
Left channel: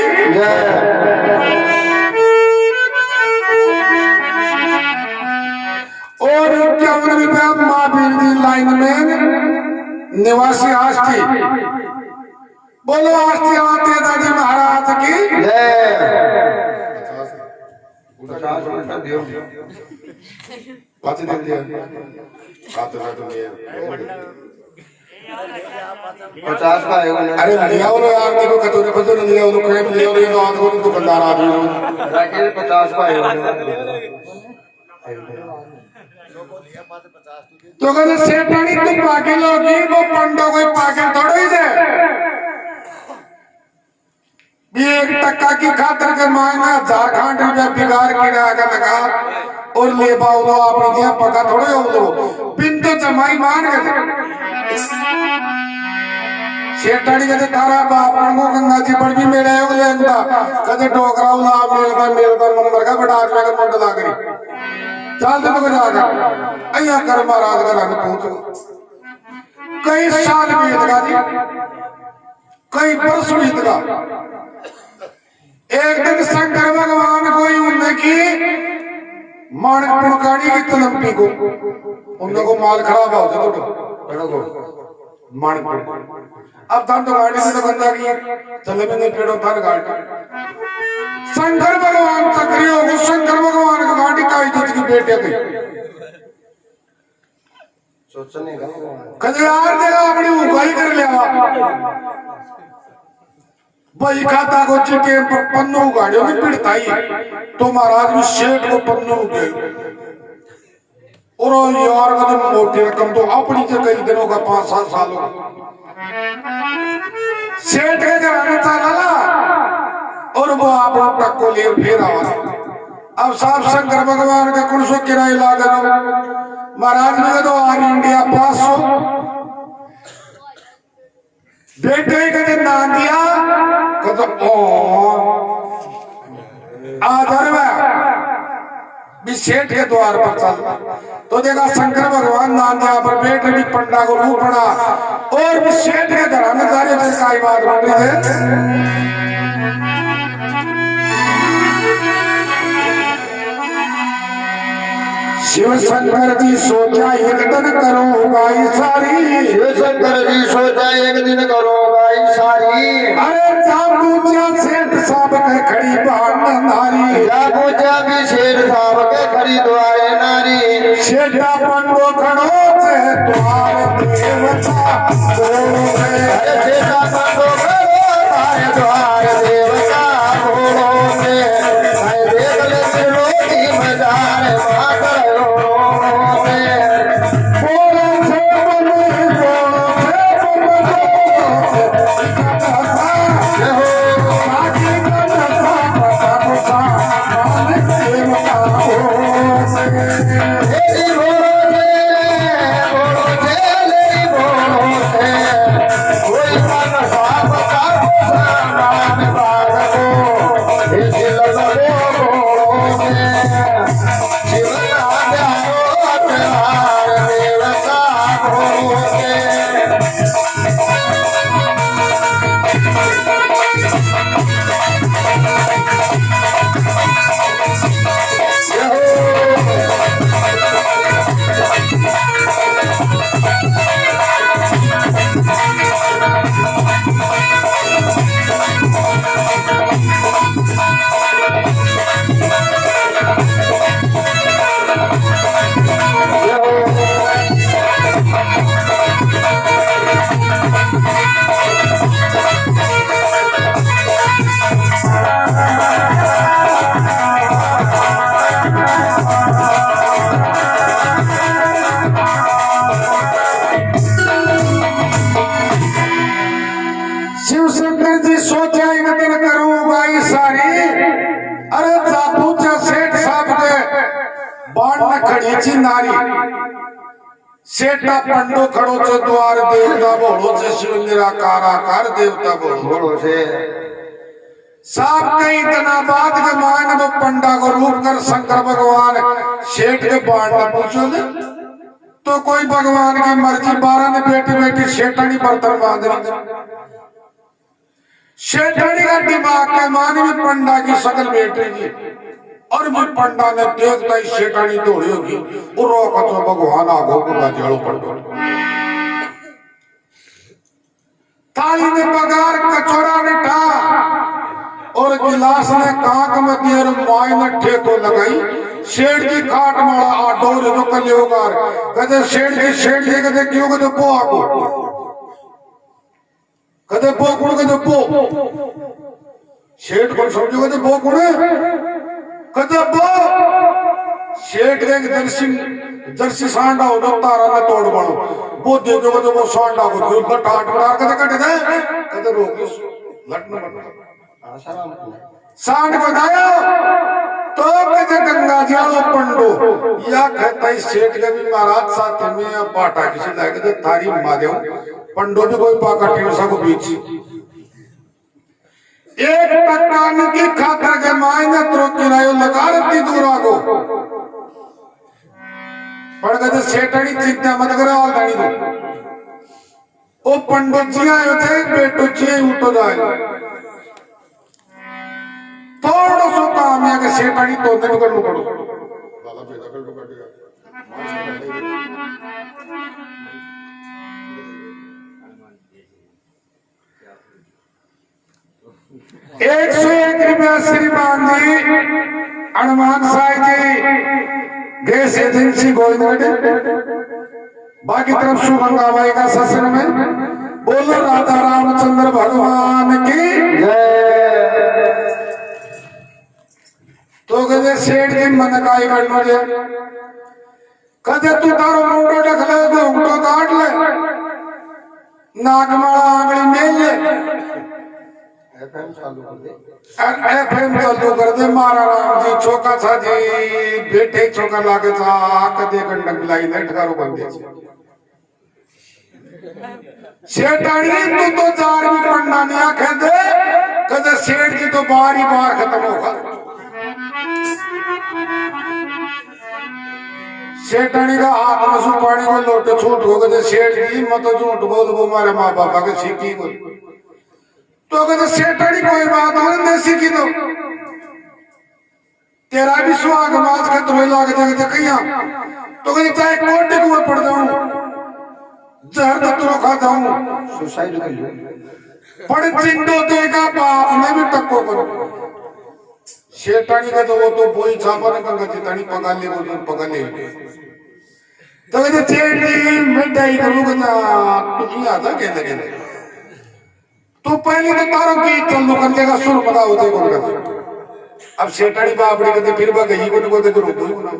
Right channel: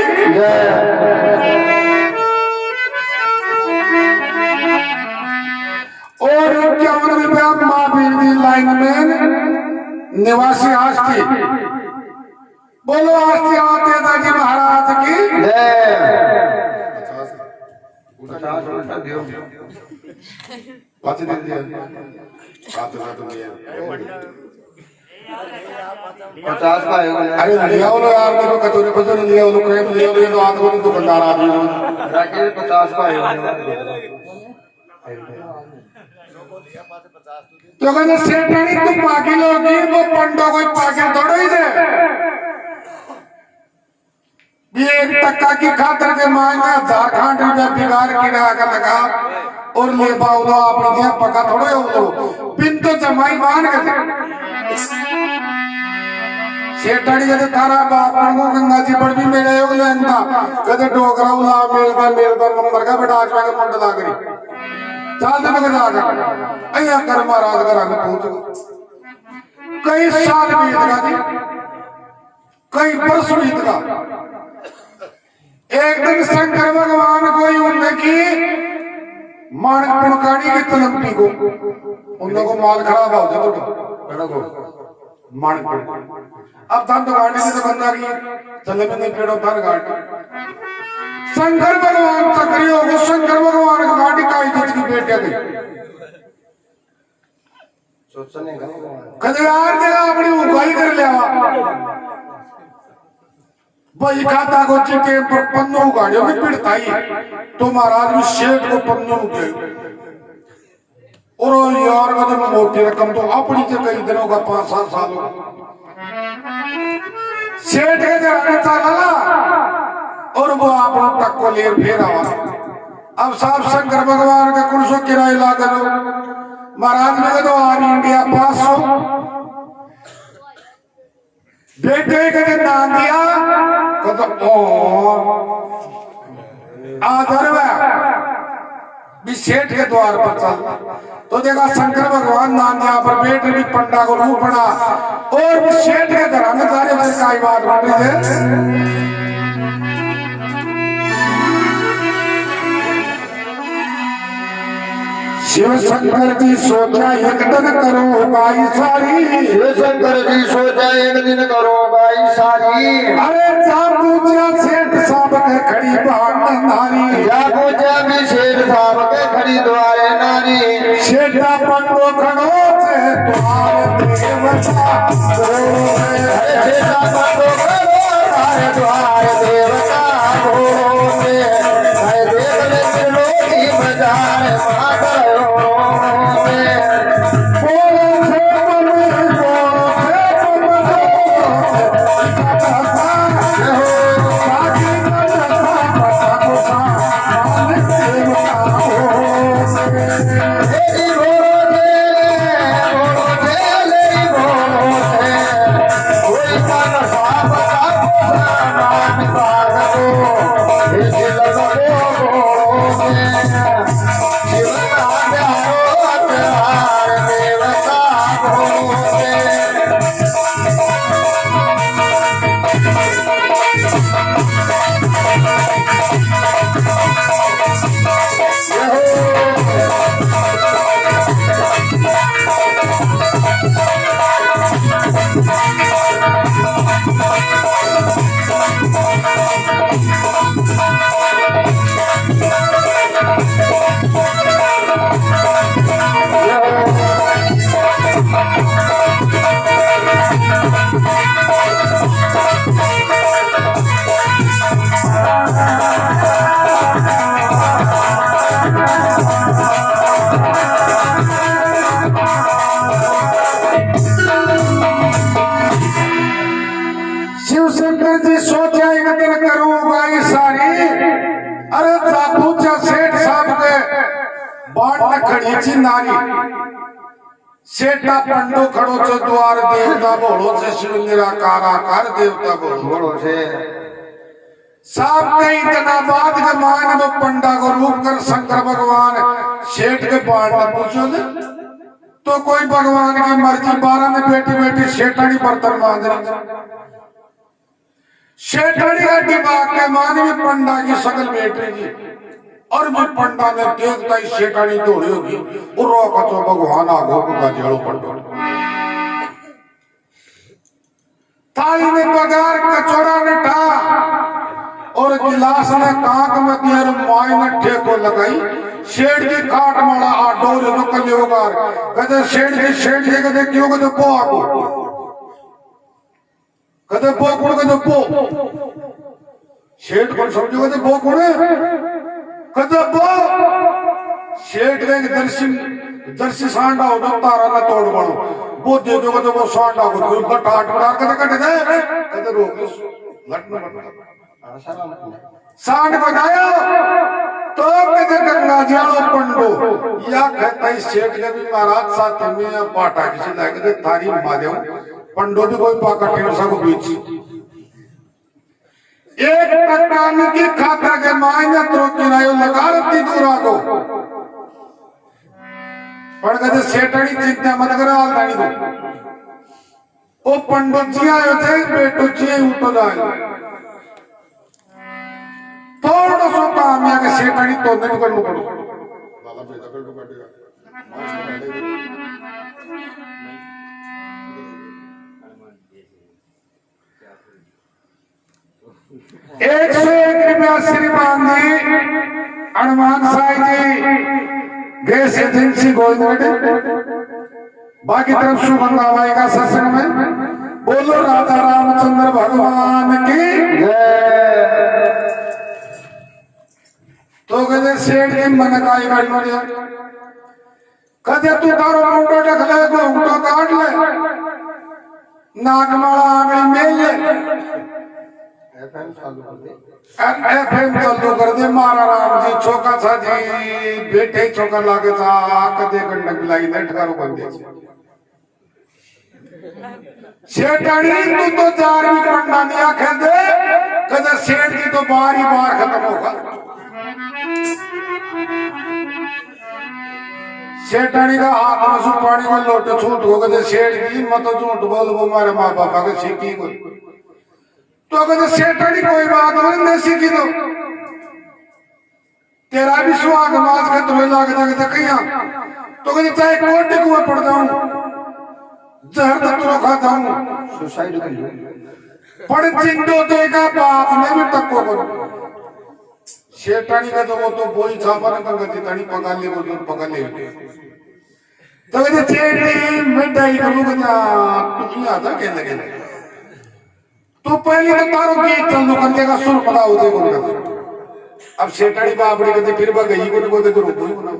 और 51 रुपया महावीर जी लाइन में निवासी आष्टी बोलो आष्टी आते दादी महाराज की पचास का अरे लिया बोलो यार देखो कटोरे कटोरे लिया बोलो क्रेप लिया बोलो तो आंखों में तो बंदार आदमी 50 का तो कहते सेठानी तो पागिल होगी वो पंडो कोई पागिल थोड़ा ही दे भी 1 टका की खातर के मांगा झारखंड रुपया बिगाड़ किरा का लगा और ले पाओ अपनी दिया पका थोड़े हो लो पिन तो जमाई मान गए सेठानी कहते थारा बाप को गंगा जी पर भी मेरे योग लेंदा कहते डोकरा उला मेलदा मंदिर का बेटा आठ वाले मंड लागरी चाल तो मगर जाकर अया कर महाराज का रंग पहुंच कई साल बीत गया जी कई वर्ष बीत गया एक दिन शंकर भगवान को ही उनने की माणक पुणकानी की तलंपी को उनको माल खराब हो जाता मन अब धन तो गाड़ी से तो गंदा की चले में नहीं पेड़ो धन गाड़ी शंकर भगवान चक्री हो शंकर भगवान की गाड़ी काई चीज की बेटे गई कजरार जगह अपनी उगाई कर लिया भाई खाता को चिटे पर पन्नों गाड़ियों में पिड़ताई तो महाराज भी शेठ को पन्नों उठे और यार कदम मोटी रकम तो अपनी से कई दिनों का 5-7 सालों सेठ के घराने चला और वो आप तक को ले फिर आवा अब साहब शंकर भगवान का कुछ किराए लागे महाराज ने तो आर इंडिया 500 बेटे के नाम दिया कहते ओ आदर भी सेठ के द्वार पर चल तो देखा शंकर भगवान नाम दिया पर बेटे भी पंडा को रूप बना और भी सेठ के घराने जाने पर काई बात बन रही है शिव शंकर जी सोचा एक दिन करो भाई सारी शिव शंकर जी सोचा एक दिन करो भाई सारी अरे जागूजा सेठ साहब के खड़ी बाण नारी जागूजा भी शेर साहब के खड़ी द्वारे नारी शेठा पंडो खड़ो से द्वार देवता बोलो शेठा पंडो खड़ो तारे द्वार देवता बोलो में मैं देख ले त्रिलोकी मजार माता शिव शंकर जी सोचा एक दिन करूंगा ये सारी अरे जागूजा सेठ साहब के बाण में खड़ी थी नारी सेठा पंडो खड़ो से द्वार देवता बोलो से शिव निराकार आकार देवता बोलो से साहब कई इतना बात के मान वो पंडा को रूप कर शंकर भगवान सेठ के बाण में पूछो दे तो कोई भगवान की मर्जी 12 ने बेटी बेटी सेठानी बर्तन बांधनी शेठानी का दिमाग के मान भी पंडा की शकल बैठेगी और भी पंडा ने देखता ही शेठानी दौड़ी होगी और रोका तो भगवान आगो का जड़ो पड़ गया ताली ने बगार कचौड़ा ने ठा और गिलास ने कांक में दिए माय ने ठेको लगाई शेठ की खाट मारा आडोर रुक लियोगार कहते शेठ जी कहते क्यों कहते पो आगो कहते बो गुण कहते बो सेठ को समझो कहते बो गुण कहते बो सेठ के दर्शी सांडा हो तारा ने तोड़ मारो वो दे दो कहते वो सांडा हो लट आट मार कहते कट जाए कहते रोक लट न सांड को जाया तो कहते गंगा जालो पंडो या कहता ही सेठ के भी महाराज साथ में पाटा किसी लायक कहते तारी महादेव पंडो भी कोई पाका टेरसा को बीच एक पट्टान की खाकर के मायने तो किरायो लगा रखती दूरा को पर कहते सेठानी चिंता मत करो आल दानी दो ओ पंडित जी आयो थे बेटो जी उठो जाए थोड़ा सो काम है कि सेठानी तो दिन करनो पड़ो बाला बेटा कर ₹101 श्रीमान जी हनुमान साई जी गैस एजेंसी गोविंदगढ़ बाकी तरफ शुभंगा माई का सत्संग में बोलो राधा रामचंद्र भगवान की जय। तो कहते सेठ जी मन काय करनो जे कहते तू तारो मुंडो ढक ले घूंघटो काट ले नाक माला आंगली मेल ले FM चालू कर दे। FM चालू कर दे मारा राम जी छोका था जी बेटे छोका लागे था कदे गंडक लाई दे ठकारो बंदे सेठानी तू तो जार भी पढ़ना नहीं आखे दे कदे सेठ जी तो बार ही बार खत्म होगा सेठानी का हाथ में सुपानी को लोट छूट हो गए सेठ जी मत झूठ बोल वो हमारे माँ बापा को सीखी को तो कहते सेठानी कोई बात नहीं सीखी दो तेरा भी सुहाग मास का तुम्हें लाग जाएगा कहीं तो कहते चाहे कोटे कुएं पड़ जाऊं जहर तो खाता हूं सुसाइड कर लो। पड़ चिंतो तो का बाप ने भी टक्को बनो सेठानी का तो वो तो बोई छापा ना कंगा चितानी पका ले वो जो पका ले तो कहते चेटी मिठाई करूंगा ना तू ही आता के लगे तू पहले तो तारो की चालू कर देगा सुर पका हो जाए बोल कर अब सेठानी बापड़ी कहते फिर बा गई को तो रोको ही बना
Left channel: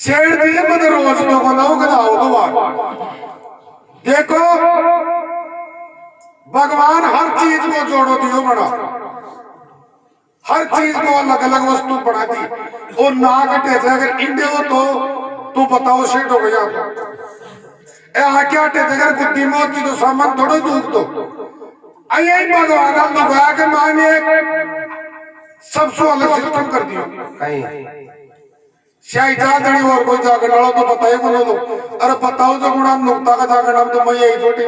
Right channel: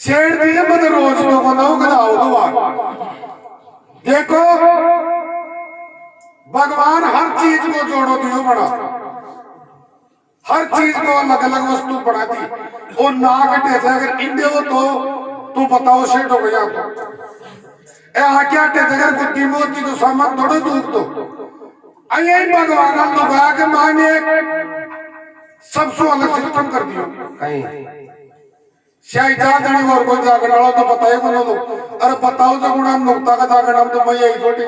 सेठ जी मुझे रोज तो बनाओ देखो भगवान हर चीज को जोड़ो दियो बड़ा हर चीज को अलग अलग वस्तु बना दी और नाक टेचे अगर इंडे हो तो तू बताओ सेठ हो गया तो ए आके टेचे अगर गुद्दी मोती तो सामान थोड़ो दूध दो अये भगवान हम लोग आके माने सबसे अलग सिस्टम कर दियो शायद जागनी और कोई जागना तो बताए को लो अरे बताओ जो गुणा नुक्ता का जागना तो मैं यही छोटी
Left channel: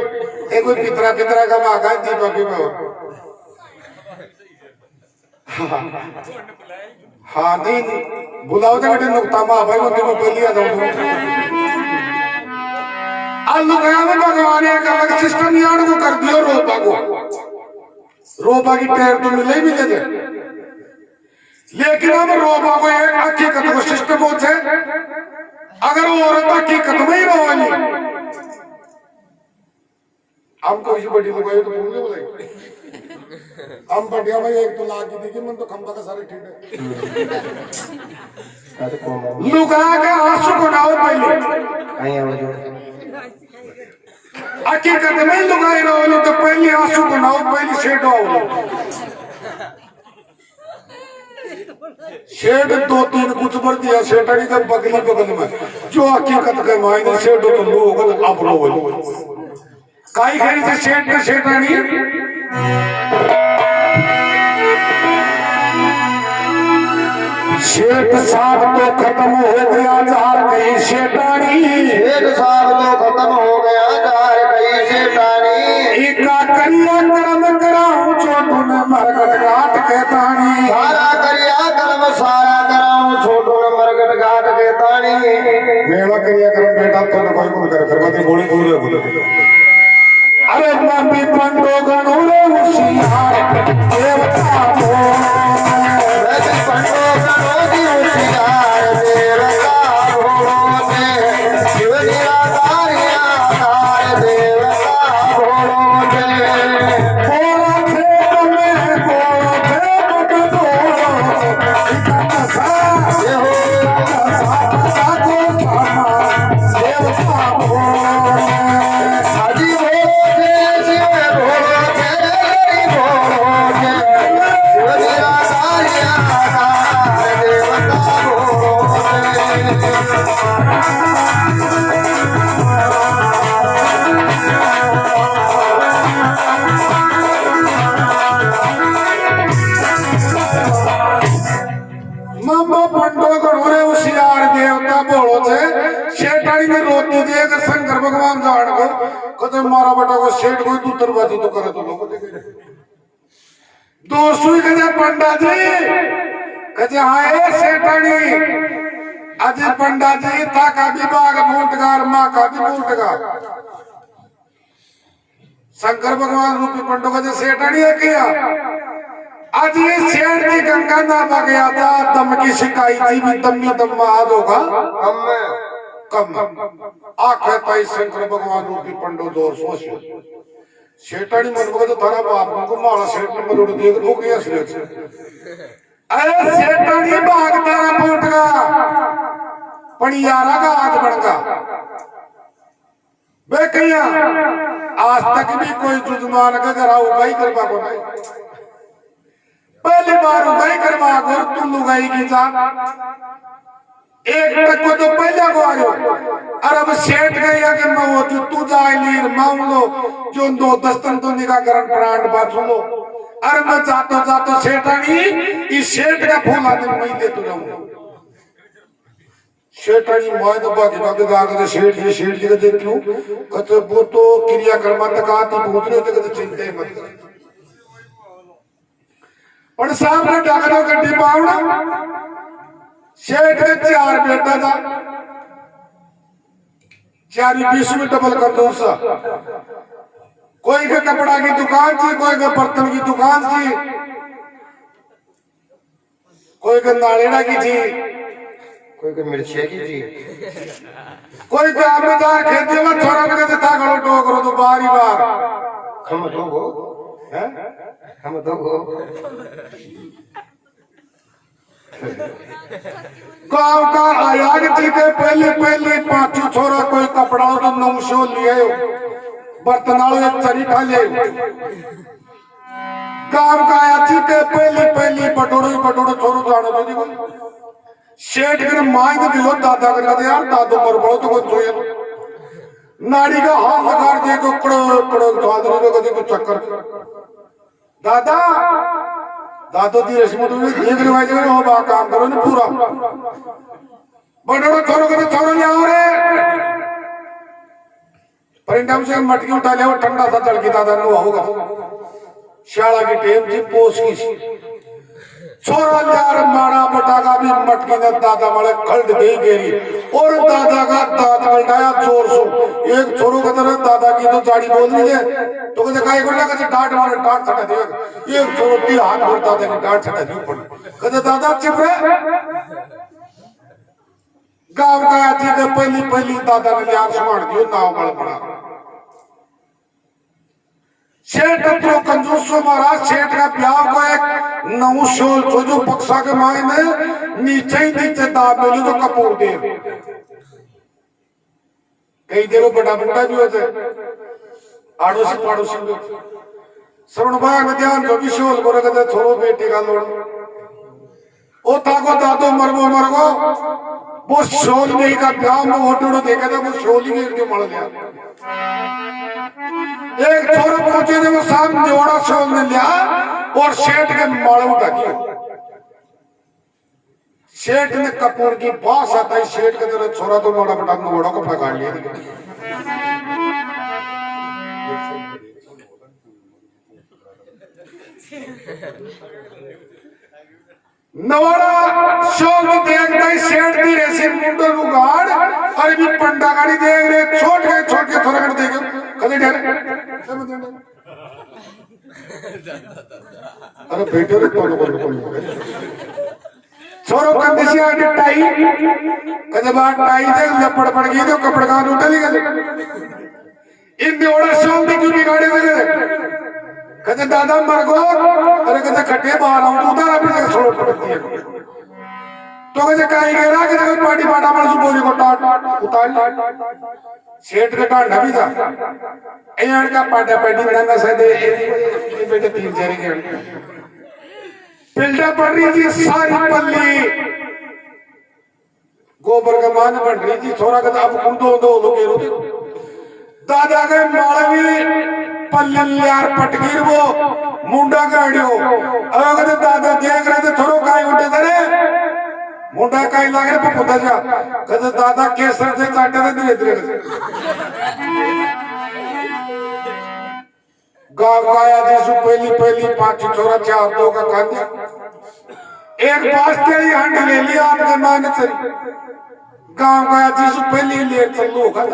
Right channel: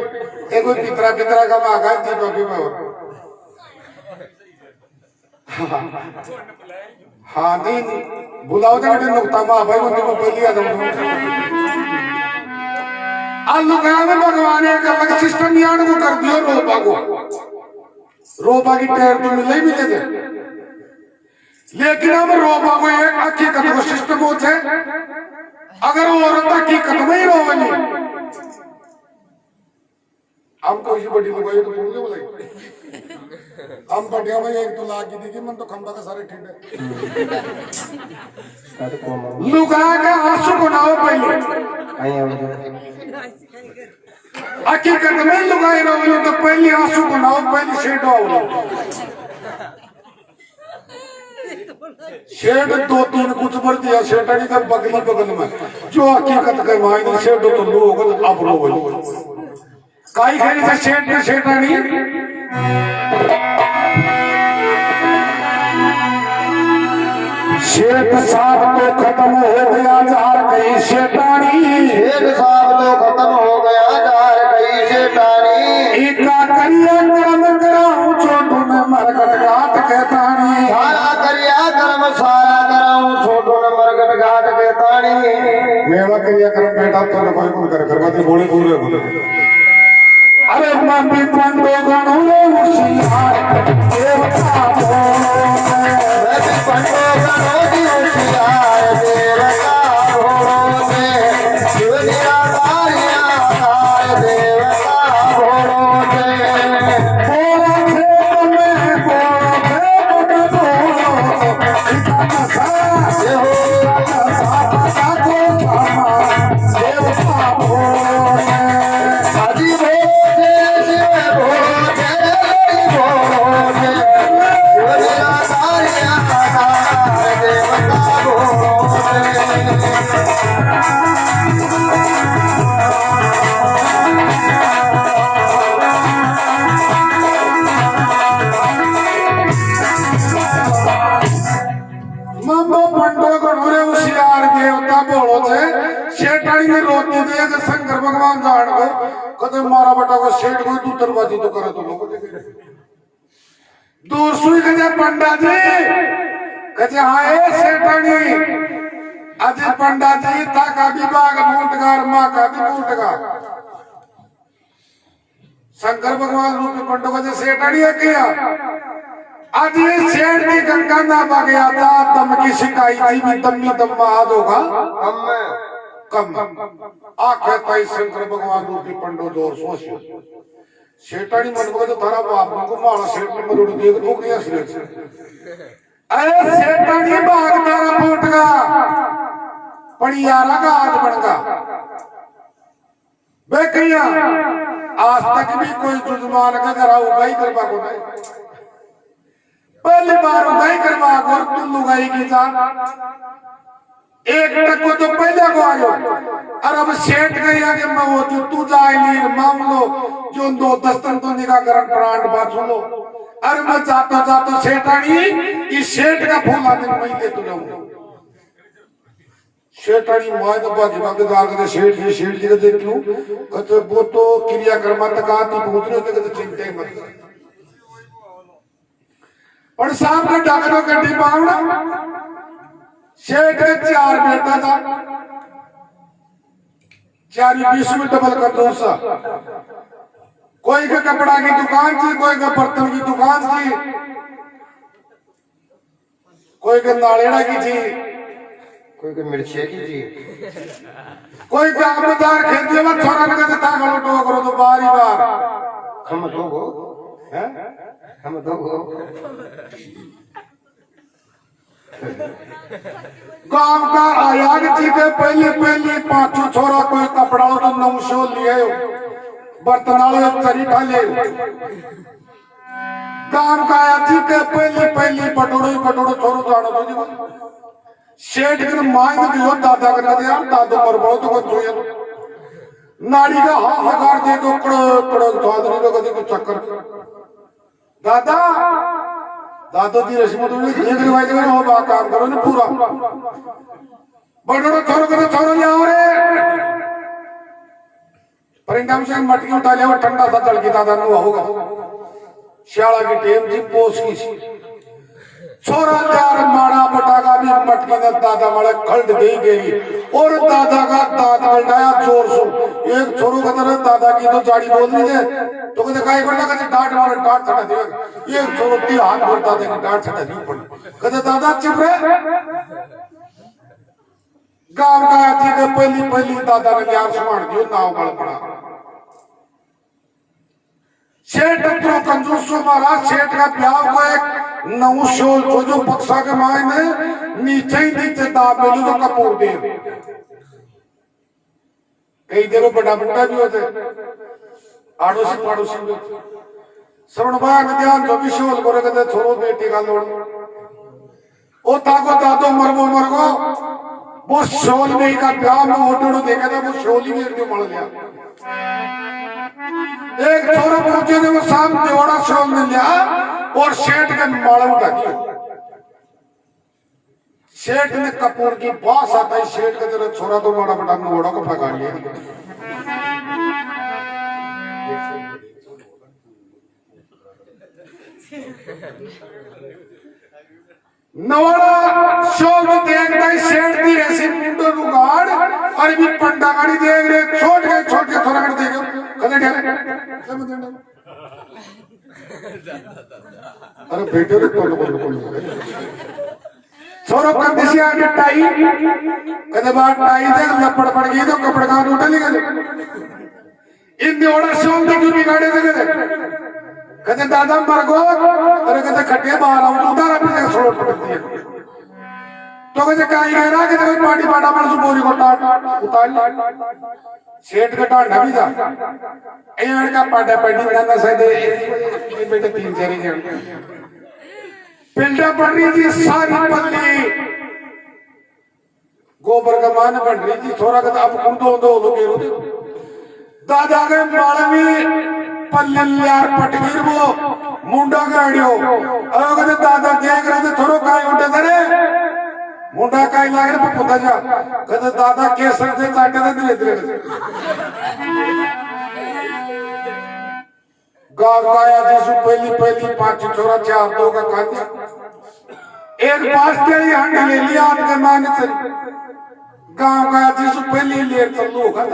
एक कोई पितरा का माँ का दीपा भी में हाँ नहीं बुलाओ जागने नुक्ता माँ भाई उनकी मैं पहली आ जाऊँ अलुगान भगवान एक अलग सिस्टम यान को कर दियो रोबा की टैर तो मिले ही मिले थे लेकिन अब रोबा को एक हकीकत को सिस्टम हो जाए अगर वो औरत हकीकत में ही रोली हमको इसी बड़ी लगाई तो बोल बोले हम बढ़िया भाई एक तो लागी दी मन तो खंबा का सारे ठीक है लुगा के आंसू बनाओ पहले हकीकत में लुगाई रोली तो पहले आंसू बनाओ पहले शेड आओ शेड दो तीन कुछ भर दिया शेठानी का बगली बगल में जो हकीकत के मायने शेड तो लोग अब रो काई खरी से शेड के शेठानी शेठ साहब तो खत्म हो गया जार कहीं शेठानी शेठ साहब तो खत्म हो गया जार कहीं शेठानी इतना करिया कर्म कराऊं छोटू ने मरकट घाट के तानी सारा करिया कर्म सारा कराऊं छोटू ने मरकट घाट के तानी मेरा करिया कर्म बेटा तो कोई को कर करवाते बोले पूरे अरे मम्मी पंडो गणो रे उसियार देवता बोलो मैं पंडो गणो दी उसियार देवता बोलो में शिवलिया तारिया तार देवता बोलो में बोला थे मैं बोलो थे बट बोलो इतना सा ये हो सा को सामा देवता बोलो आदि शंकर भगवान जान को तो मारा बेटा को सेठ कोई दूतरबाजी तो करे तो लोग दोस्तों कहते पंडा जी कहते हाँ ए सेठानी अजय पंडा जी था का भी बाग बूटगार माँ का भी बूटगार शंकर भगवान रूपी पंडों का जो सेठड़ी है किया आज ये सेठ की गंगा नामा गया था दम की शिकाई थी भी दम आज होगा कम आखे ताई शंकर भगवान रूपी पंडो दौर सोच सेठाड़ी मन को तो थारा बाप को मारा सेठ ने मरोड़ देख तो क्या असलियत अरे सेठाड़ी भाग तारा फूट गा पड़ियारा का आज बनगा बे कहिया आज तक भी कोई जुजमान का घर उगाई करवा को नहीं पहली बार उगाई करवा और तुम उगाई की साथ एक तक को तो पहले को आयो और अब सेठ गया कि मैं वो जो तू जाए लीर मामलो जो दो दस्तन तो निकाह करन प्राण बात सुनो अरे मैं जातो सेठानी इस सेठ का फूल आदमी नहीं दे तू जाऊं सेठानी माय तो बाकी जाकर सेठ जी के देती हूँ कहते वो तो क्रिया कर्मा तक आती पूछने तक तो चिंता ही मत और सामने डाकरो गड्डी पावड़ा सेठ के 4 बेटा था 4 20 में डबल कर दो सा कोई के कपड़ा की दुकान थी कोई के बर्तन की दुकान थी कोई के नालेड़ा की थी कोई के मिर्ची की जी कोई के आमदार खेती में छोरा ने कहते था गलो टोकरो तो बारी बार हम दो हो हैं हम दो हो गांव का आयाग जी के पहले 5 छोरा कोई कपड़ा तो नौशो लिए बर्तनालो एक चरी ठाले गांव का आयाग जी के पहले बटोड़ो छोरो जानो जी को सेठ के माय तो दियो दादा करना था यार दादो मर पड़ो तो कोई जोए नाड़ी का हाथ लगाड़ दे को कड़ो स्वादरी को कदी को चक्कर दादा दादो दी रस्म तो देख रिवाज में हो बा काम करो ने पूरा बड़ो छोरो के छोरो ले आओ रे परिणाम से मटकी उठा ले वो ठंडा सा चल के दादा नु होगा शाला की टेम जी पोस की छोरा यार मारा बटागा भी मटकी ने दादा मारे खल्ड गई गेरी और दादा का दांत बटाया जोर से एक छोरो का तरह दादा की तो जाड़ी बोल रही है तो कहते काय बोला कहते डांट मारे डांट छटा दे एक छोरो की हाथ में दादा ने डांट छटा दी ऊपर कहते दादा चुप रहे गांव का आती के पहली दादा ने यार सुमान दियो नाव बल पड़ा सेठ तो कंजूसो महाराज सेठ का ब्याह को एक नौशोल तो जो बक्सा के माय में नीचे दाब मिली तो कपूर दे कई जगह बड़ा बंदा भी होते आड़ोसी पड़ोसी भी श्रवण भाग ध्यान जो भी शोल को रखते छोड़ो बेटी का लोड़ ओ ताको दादो मरगो वो शोल में का ब्याह में होटो देखा था वो शोल ही के मर लिया एक छोरा पहुंचे जब सामने जोड़ा शोल ने लिया और सेठ के माड़ा उठा दिया सेठ ने कपूर की बास आता है सेठ का जरा छोरा तो माड़ा बटा घोड़ा कपड़ा काट लिया नवाड़ा शोल में देखता है सेठ की ऐसे मुंडो रुगाड़ और भी पंडा गाड़ी देख रहे छोट के छोरा कर देखे कदे ठहरे अरे बेटे रे कौन छोरो का दिशा के टाई कदे बात टाई देख लपड़ पड़ गई तो कपड़े का उठा ले गए इन दियोड़ा शोल की बिगाड़े दे कदे दादा मर गो अरे कदे खट्टे बाहर आउट उतारा पीछे छोड़ पड़ती है तो कदे काई गहरा के कोई पार्टी पाटा मार सु बोली को टाट उतार सेठ का टाट भी था एयण का पाटा पैडी बनाना से दे ये बेटे 3-4 के पिल्डा पड़ रही थी सारी पल्ली गोबर का मान बढ़ रही थी छोरा का अब कुंडो दो लोगे दादा के मालवी पल्ले यार पटगीर वो मुंडा गाड़ियो अरे कहते दादा देख रहे थे थोड़ो काई उठे थे मुंडा काई लाग रहे पुता जा कहते दादा केसर से काटे थे धीरे गांव गाया जैसे पहली 5 छोरा 4 2 का कांदी एक पास के ही हंड ले लिया आपके मान से गांव गाया जैसे पहली लेर चलो होगा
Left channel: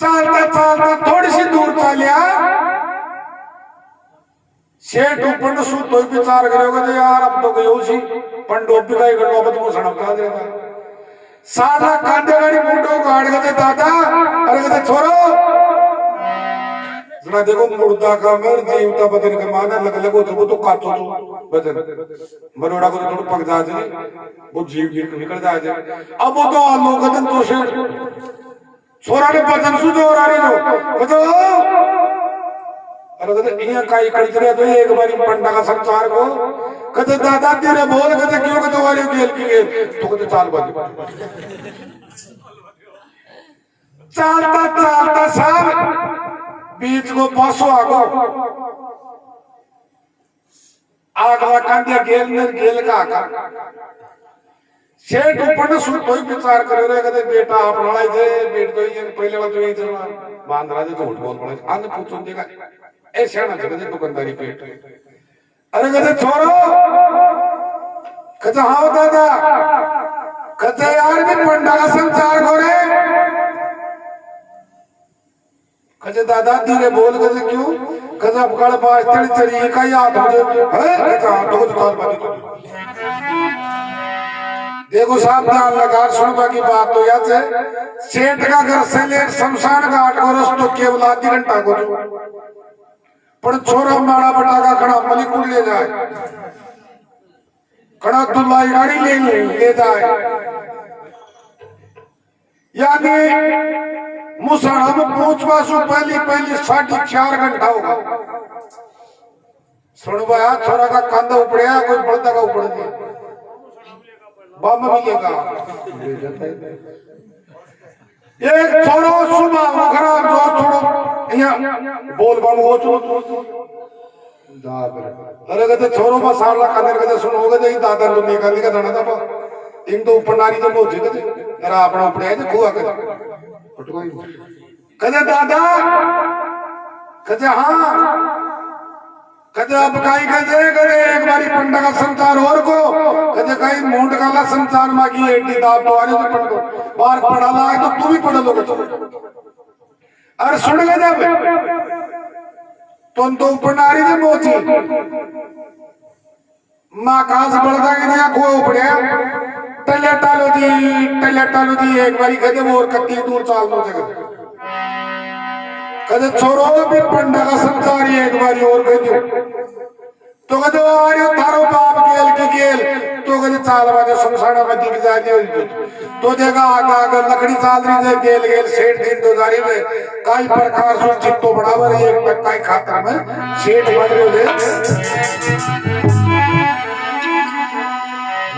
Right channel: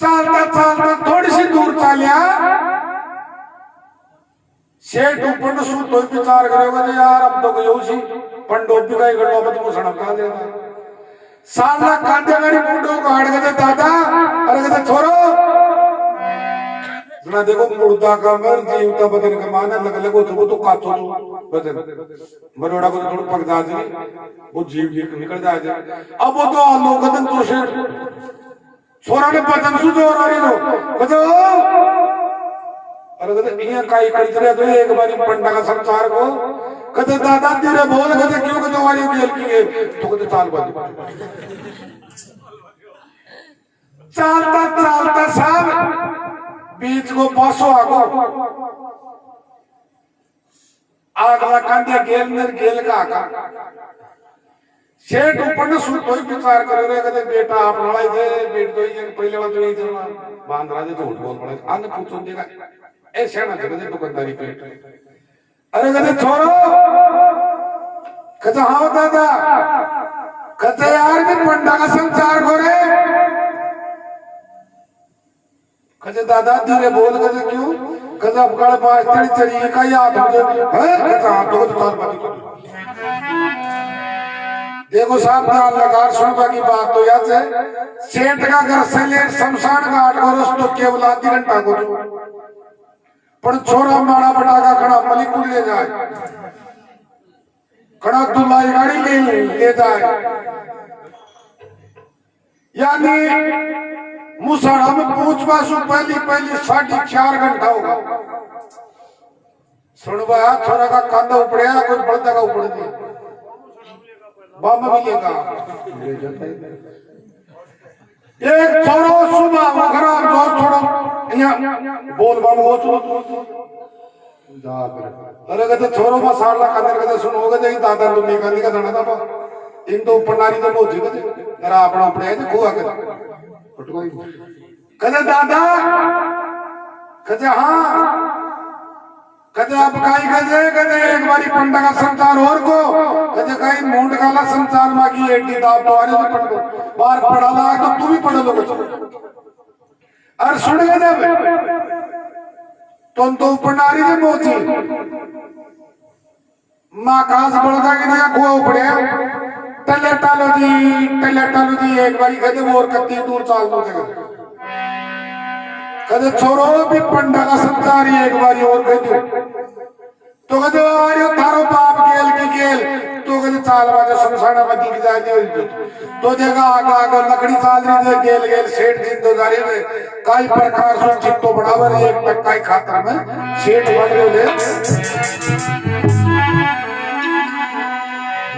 चालता चालता थोडीशी दूर चालिया शेठ ऊपर सुतो विचार करेगा तो यार अब तो गयो सी पण डोबी का गड्ढा अब तुम सड़क क्या देगा साला कांदे गाड़ी मुंडो गाड़ के दादा अरे कहते छोरो जरा देखो मुर्दा का मर जीवता बदन का माना लग लगो तो काटो तो बदन मरोड़ा को थोड़ा पक जा जी वो जीव निकल जाए अब वो तो लोगन तो शेठ छोरा ने बदन सु जोर आ रही हो तो अरे कहते यहाँ काई कड़ी चले तो एक बारी पंडा का संसार को कहते दादा तेरे बोल कहते क्यों कहते वाली गेल की गेल तो कहते चाल बंद चालता चालता साहब बीच को बसो आगो आगला कांडिया गेल नर गेल का आका शेठ ऊपर ने सुन कोई विचार करे रे कहते बेटा आप लड़ाई दे बेट तो ये पहले बात तो यही चला बांध रहा थे झूठ बोल पड़े अन्य पूछो देगा ऐसे ना चले दुकानदारी पे अरे कहते छोरो कहते हाँ दादा कहते यार भी पंडा का संचार को रे कहते दादा धीरे बोल कहते क्यों कहते अब कल बाज तेरी चली का याद मुझे है कहते हाँ तो चाल बात देखो साहब ध्यान लगा सुनवा की बात तो याद है सेठ का घर से ले शमशान घाट को रस्तो केवल आधी घंटा को पर छोरा माड़ा बटा का खड़ा मलिकुल ले जाए खड़ा दुल्हा गाड़ी ले जाए यानी मुसाड़ा में पहुंचवा सु पहली 4.5 घंटा होगा सुनवाया छोरा का कंधा उपड़िया कोई बड़दा का उपड़ दिया बम मिलेगा एक छोरो सुबह खराब जो छोड़ो यहाँ बोल बम हो अरे कहते छोरो बा 7 लाख अंदर कहते सुनो कहते दादा तो निकाल का जाना था इन तो ऊपर नारी जब मोजी कहते अरे अपना उपड़े तो खुआ कहते दादा कहते हाँ कहते अब काई कहते एक बारी पंडा का संसार और को कहते काई मूंड काला संसार मागी एडी दाब तो आरे पढ़ दो बाहर पढ़ा ला तो तू भी पढ़ लो अरे सुन गए जब तुम तो ऊपर नारी थे मोची माँ कास बढ़ता कि नया खुआ उपड़े टले टालो जी एक बारी कहते वो और कत्ती दूर चाल दो जगह कहते छोरो भी पंडा का संसार एक बारी और कहते तो कहते वारी थारो बाप गेल के गेल तो कहते चाल बाजे शमशाना में दिख जाती तो जगह आगा लकड़ी चाल रही है गेल सेठ दिन तो जारी में काई प्रकार से चित्तो बढ़ावर एक तक काई खातर में सेठ बन रहे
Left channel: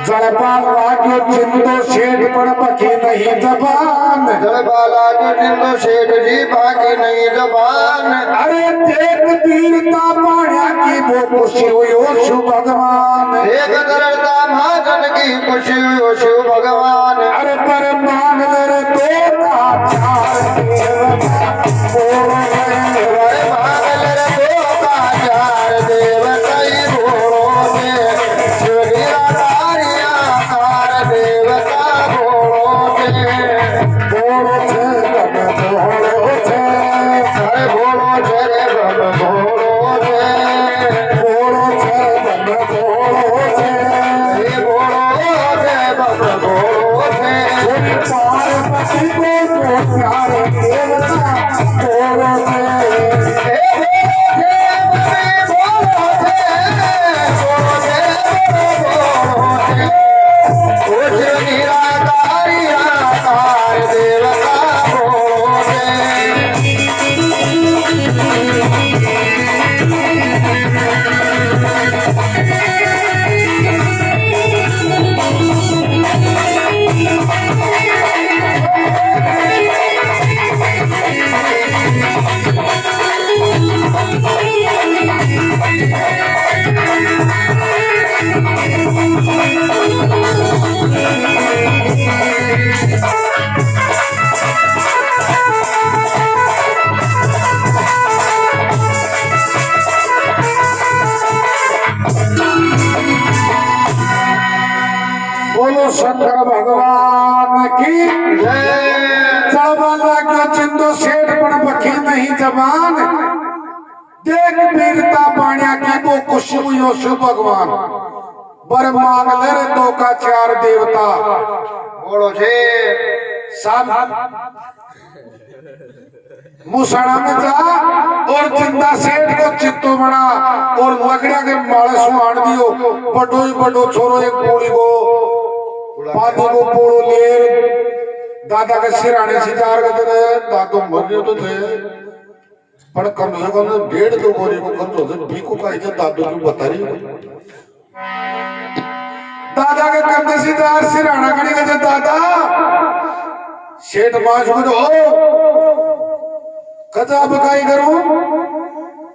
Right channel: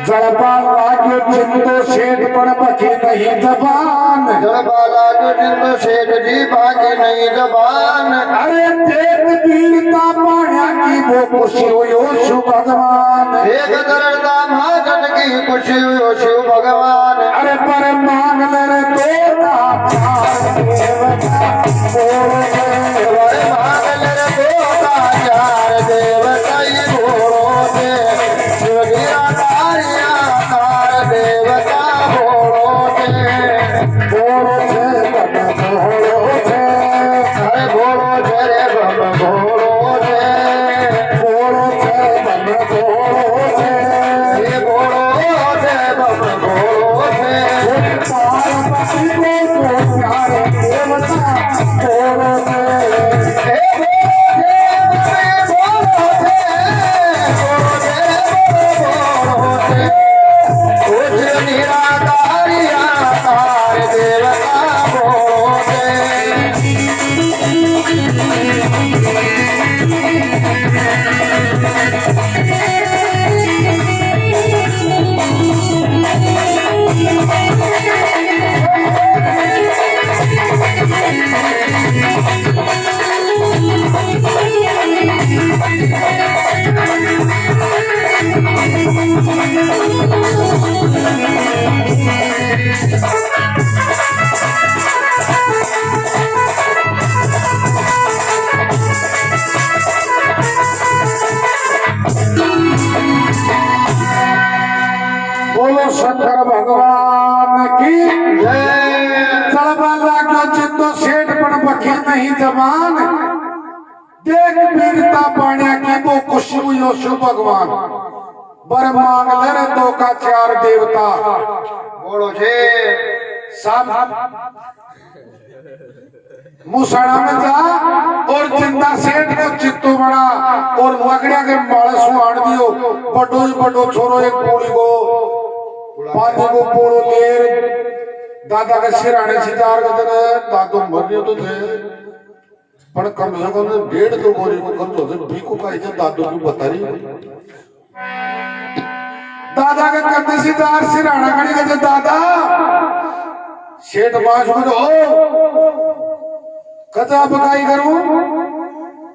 जड़पाल राज्य जिंदो सेठ पर बकी नहीं जबान जड़पाल राज्य जिंदो सेठ जी बाकी नहीं जबान अरे देख वीरता पाया की वो खुशी हुई हो शिव भगवान एक दरदा महाजन की खुशी हुई हो शिव भगवान अरे पर मांग ले बोलो शंकर भगवान की जय। जब अल्लाह का जिंदो सेठ नहीं जबान, देख वीरता पाण्या की वो खुशी हुई शिव भगवान, बर मांग ले रे दो का चार देवता। बोलो छे सब मुसाड़ा में जा और जिंदा सेठ को चित्तो बड़ा और लकड़िया के माले सुहाड़ दियो, बड़ो ही बड़ो छोरो एक पूरी को पानी को पोड़ो लेर दादा के सिराने सितार के तरह दादो मरने तो थे पर कम से कम 1.5-2 गोरी को खर्च होते भीखो का इधर दादो की बता रही। दादा के कंधे सितार सिराना खड़ी कहते दादा सेठ बाज को तो कदा बगाई करूं,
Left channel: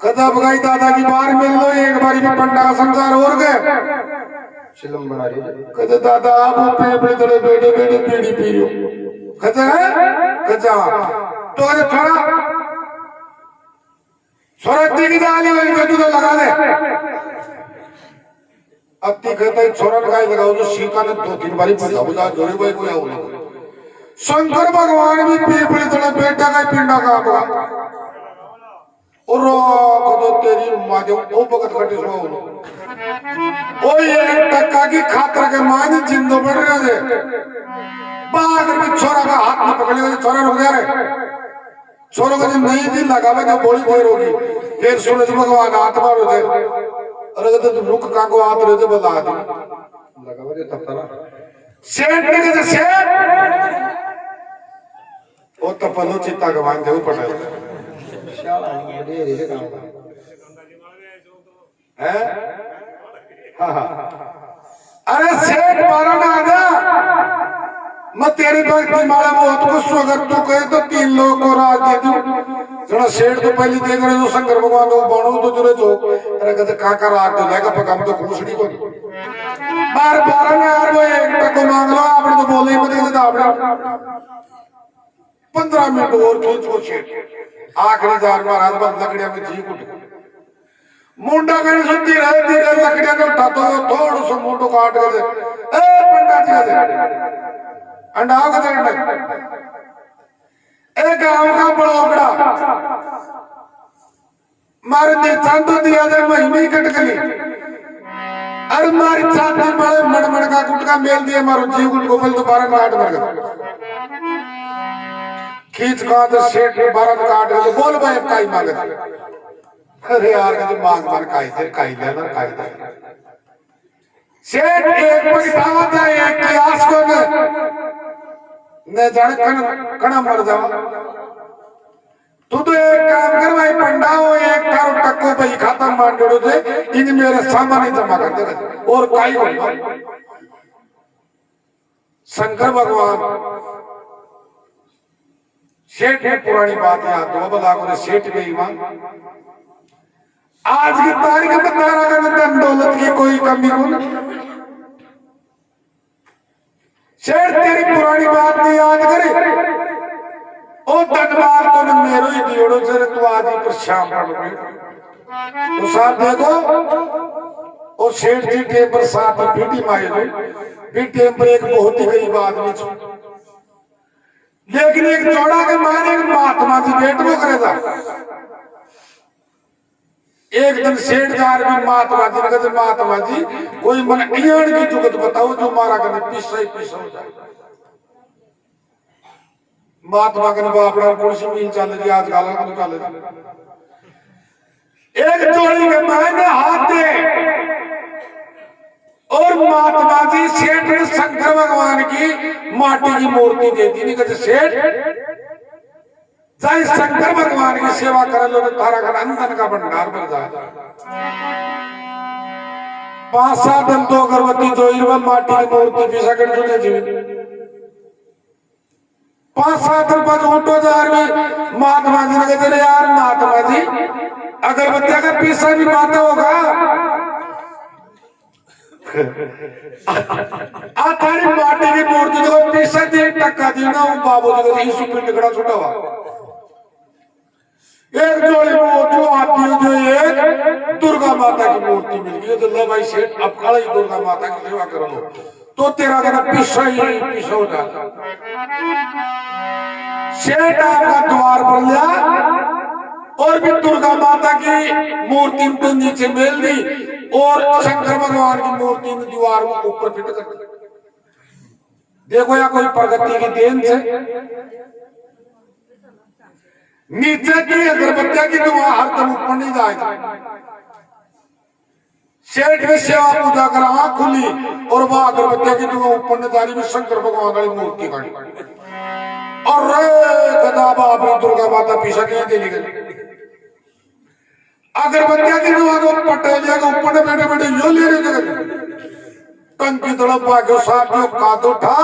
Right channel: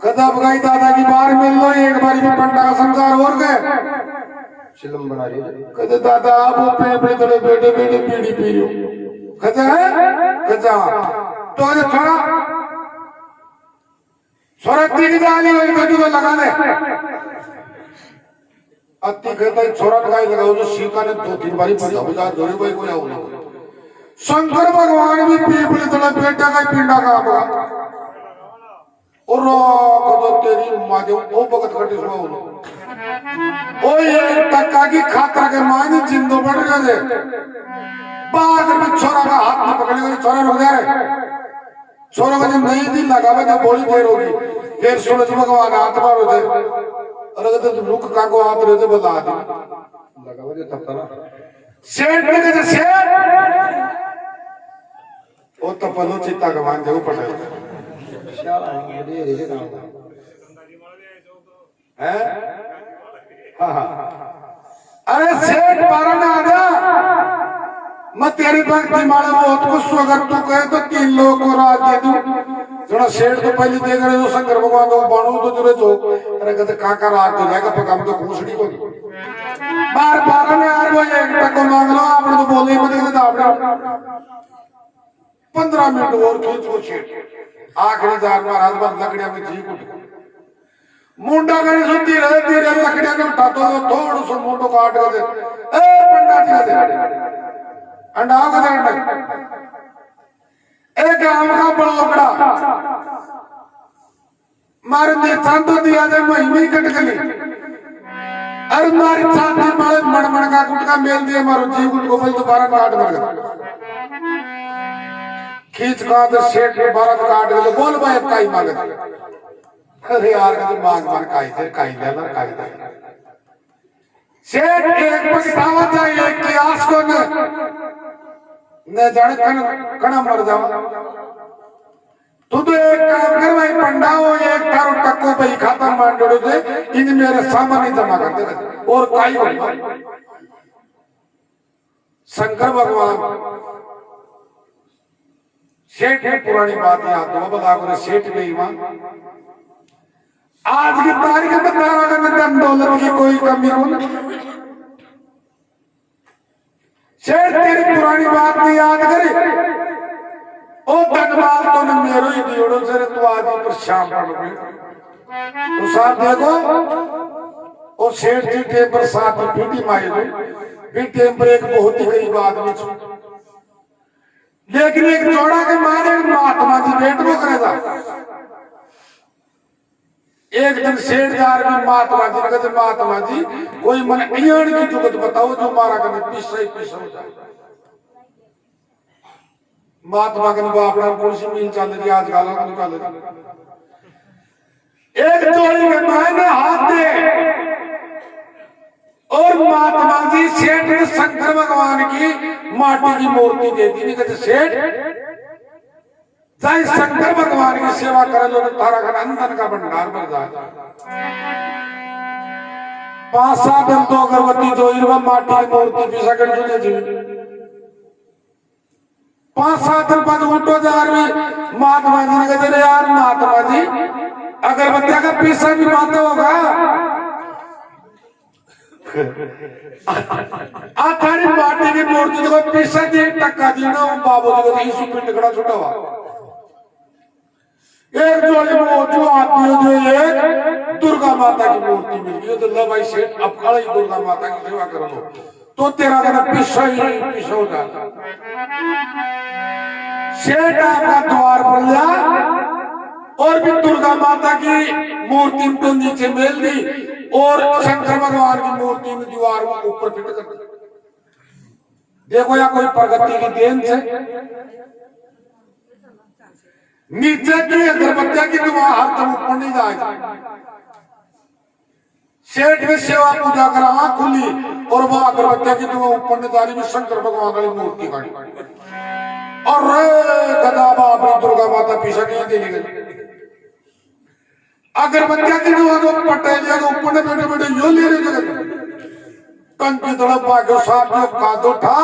कदा बगाई दादा की बार मिल लो एक बारी भी पंडा का संसार और गए फिल्म बना रही है। कहते दादा आप पेड़ तले बेटे बेटे पीड़ी पी रहे हो, कहते हैं कहते तो कहते छोरा छोरा तीन डाली वाली कद्दू तो लगा दे। अति कहते छोरा लगाई लगाओ जो सीता ने 2-3 बारी पता बुझा जोरे भाई कोई आओ। शंकर भगवान भी पीपली तले बेटा का पिंडा का आपका और तो तेरी माँ जो वो भगत कटे सुनो ओ ये टक्का की खातर के मानी जिंदो बढ़ रहे थे बाद में छोरा का हाथ में पकड़ लिया, छोरा रुक जा रहे छोरा का नहीं दी लगा हुआ जो गोली देर होगी फिर सूरज भगवान हाथ मारो थे और अगर तुम रुक का को हाथ रहे थे बता दी लगा हुआ तब तक सेठ ने कहा सेठ ओ तो पलो चित्ता गवान दे ऊपर है अरे सेठ बारा ना आजा मैं तेरी भक्ति मारे बहुत खुश हूं, अगर तू कहे तो 3 लोगों को राज दे दूं। जरा सेठ तो पहले देख रहे हो शंकर भगवान को बाणु तो जुड़े जो अरे कहते काका राज दे जाएगा पकाम तो खुशड़ी बनी बार बार में यार वो एक टको मांग लो आपने तो बोल ही मत कहते आपने 15 मिनट और खींच को सेठ आखिरी जार महाराज बस लकड़ियां में जी उठ मुंडा गणी सुनती रहे धीरे लकड़ियां में उठा तो थोड़ा सा मुंडो काट के दे ए पंडा जी दे अंडाओ का अंडा एक गांव का बड़ा मारे ने चांदो दिया जाए महीने कट गई अरे मारी छाती में मड़मड़ का गुटका मेल दिया मारो जी गुट को बोल तो 12 काट मर गया खींच का तो सेठ के 12 काट गए तो बोल भाई काई मांगे अरे यार का तो मांग मार काई दे काई दे सेठ एक पकड़ा था एक क्लास को न जाने कण मर जावा तू तो एक काम कर भाई पंडा हो एक थारो टक्को भाई खाता मान जोड़े थे इन मेरे सामान ही जमा कर दे और काई हो शंकर भगवान सेठ की पुरानी बात याद दो बता को सेठ बेईमान आज की तारीख में तारा का धन दौलत की कोई कमी हो सेठ तेरी पुरानी बात नहीं याद करे ओ धनवार तो न मेरो ही दियोड़ो से तू आज ही पर शाम पड़ गई तो साहब देखो ओ सेठ जी टेम पर साथ में पीटी मारी गई पीटी पर एक बहुत ही गरीब आदमी छो लेकिन एक चौड़ा के मारे महात्मा जी बेट वो करेगा एक दिन सेठदार भी महात्मा जी ने कहते महात्मा जी कोई मन इयान की जुगत बताओ जो मारा करने पीसा ही पीसा हो जाए महात्मा के बाप रा पुलिस मिल चल गई आज गाला को चल एक चोरी के मायने हाथ दे और महात्मा जी सेठ ने शंकर भगवान की माटी की मूर्ति दे दी। नहीं कहते सेठ चाहे शंकर भगवान की सेवा कर लो तारा का अंदर का भंडार बन जाए 5-7 दिन तो अगरबत्ती जो माटी की मूर्ति पीसा कर जुड़े जी 5-7 दिन बाद उठो यार भी महात्मा जी ने कहते यार महात्मा जी अगरबत्तिया का पीसा भी माता होगा थारी माटी की मूर्ति जो पीसा दी टक्का दी ना बाबू जी का यीशु पिंड खड़ा छुटा हुआ एक जोड़ी में जो आती है जो एक दुर्गा माता की मूर्ति मिल गई तो लो भाई सेठ अब खड़ा ही दुर्गा माता की सेवा करो तो तेरा कहना पीछा हो जाता सेठ आपका द्वार पर लिया और भी दुर्गा माता की मूर्ति को नीचे मेल दी और शंकर भगवान की मूर्ति में दीवार में ऊपर फिट कर दी। देखो या कोई प्रगति की देन से नीचे की अगरबत्तियां की दुआ हर तुम ऊपर नहीं जाएगी। सेठ की सेवा पूजा करा आंख खुली और वह अगरबत्तियां की दुआ ऊपर ने जारी में शंकर भगवान वाली मूर्ति गाड़ी और गदा बाबरी दुर्गा माता पीछे के दिली गई। अगरबत्तियां की दुआ को पटेलिया को ऊपर ने बैठे बैठे यो ले रहे जगह टंकी तड़प भाग्यो साहब जो कादो था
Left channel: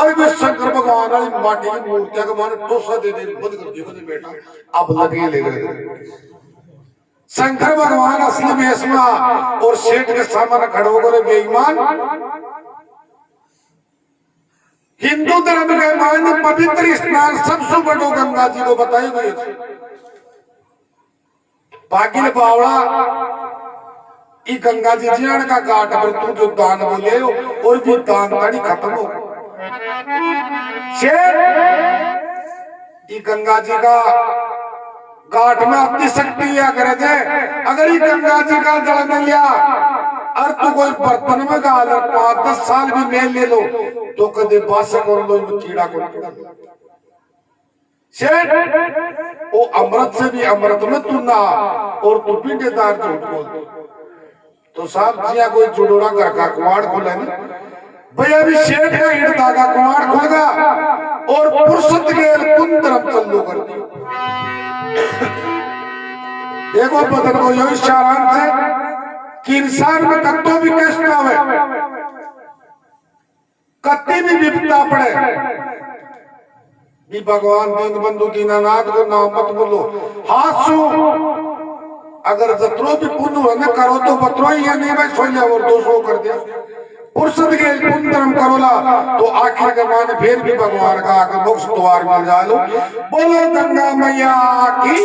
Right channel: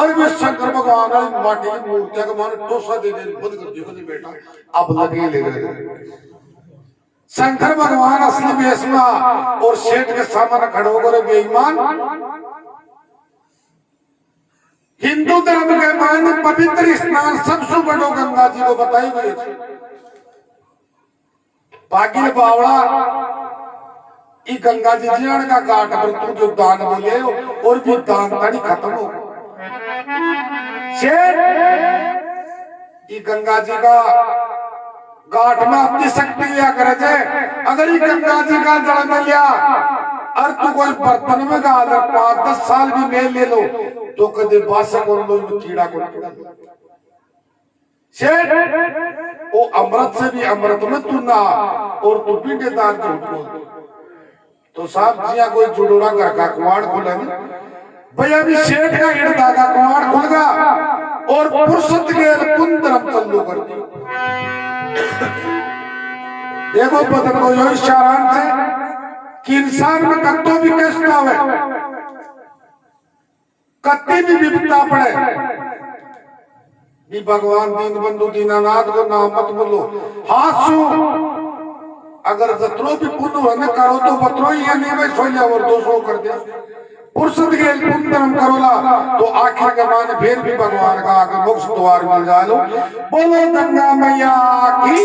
और वे शंकर भगवान वाली माटी की मूर्तियां को माने टोसा दे दे बंद कर दिया नहीं बेटा अब लगे ले गए। शंकर भगवान असली वेश में और सेठ के सामने खड़े होकर बेईमान हिंदू धर्म के मायने पवित्र स्नान सबसे बड़ो गंगा जी को बताई गई थी। बाकी बावड़ा ई गंगा जी जियान का घाट पर तू जो दान बोले और भी दान ताड़ी खत्म हो शेर ई गंगा जी का घाट में अपनी शक्ति लिया करे थे। अगर ये गंगा जी का जल में लिया और तू कोई बर्तन में गाल 5-10 साल भी मेल ले लो तो कदे बासक और लो कीड़ा को शेर वो अमृत से भी अमृत में तू ना और तू पीटेदार झूठ बोल तो साहब जिया कोई जुड़ोड़ा घर का कुआड़ खुला नहीं भैया भी शेठ का हिड़ता का कुआड़ खुल गया और पुरुषत के कुंदरम चल्लू कर दियो। देखो बदन को यो इशारान से कि इंसान में कत्तो भी कष्ट आवे कत्ती भी विपदा पड़े कि भगवान दीन बंधु दीनानाथ को नाम मत बोलो हाथ सु अगर जत्रो भी पुण्य है ना करो तो बत्रो ही या नहीं मैं सो लिया और 200 कर दिया पुरुषद के पुण्यम करोला तो आखिर के माने फिर भी भगवान का आगे मोक्ष द्वार मिल जाए लो। बोलो गंगा मैया की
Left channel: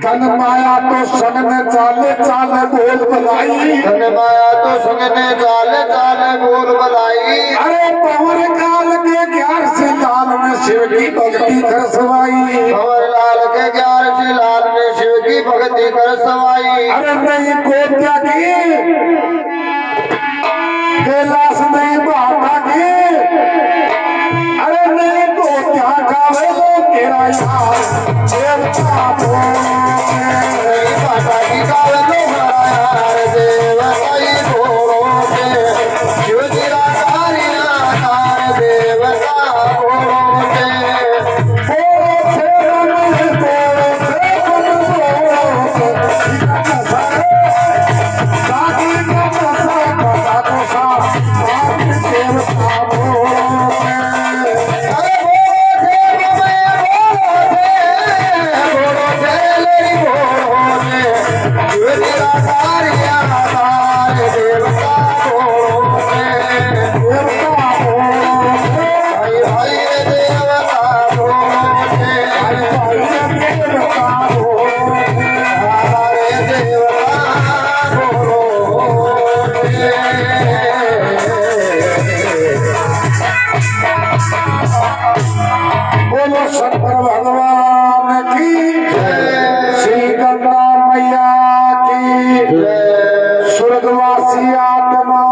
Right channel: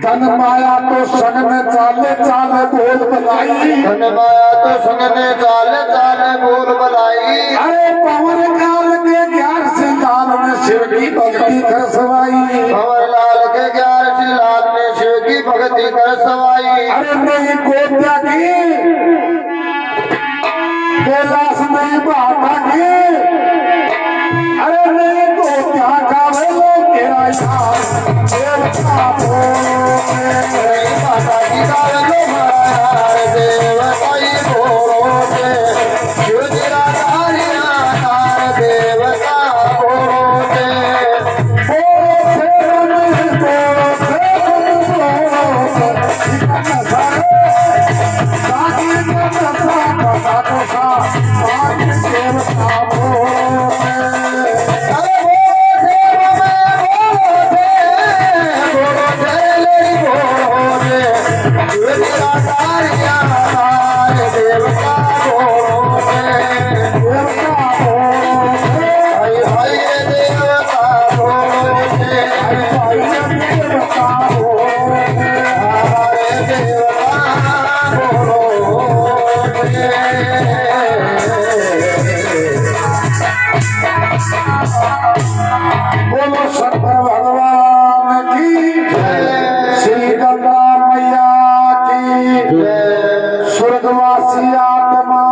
धन माया तो संग में चाले चाले गोल बलाई धन माया तो संग में चाले चाले गोल बलाई अरे पवन काल के 11 से लाल में शिव की भक्ति कर सवाई भंवर लाल के 11 से लाल में शिव की भक्ति कर सवाई अरे नहीं गोत्या की कैलाश नहीं बाटा की अरे नहीं गोत्या का वेलो तेरा यार देवता नहीं बाटा की गावलो यार देवता ही बोलोगे शिव तेरा यार देवता बोलोगे बोलो शंकर भगवान की श्री गंगा मैया की स्वर्गवासी आत्मा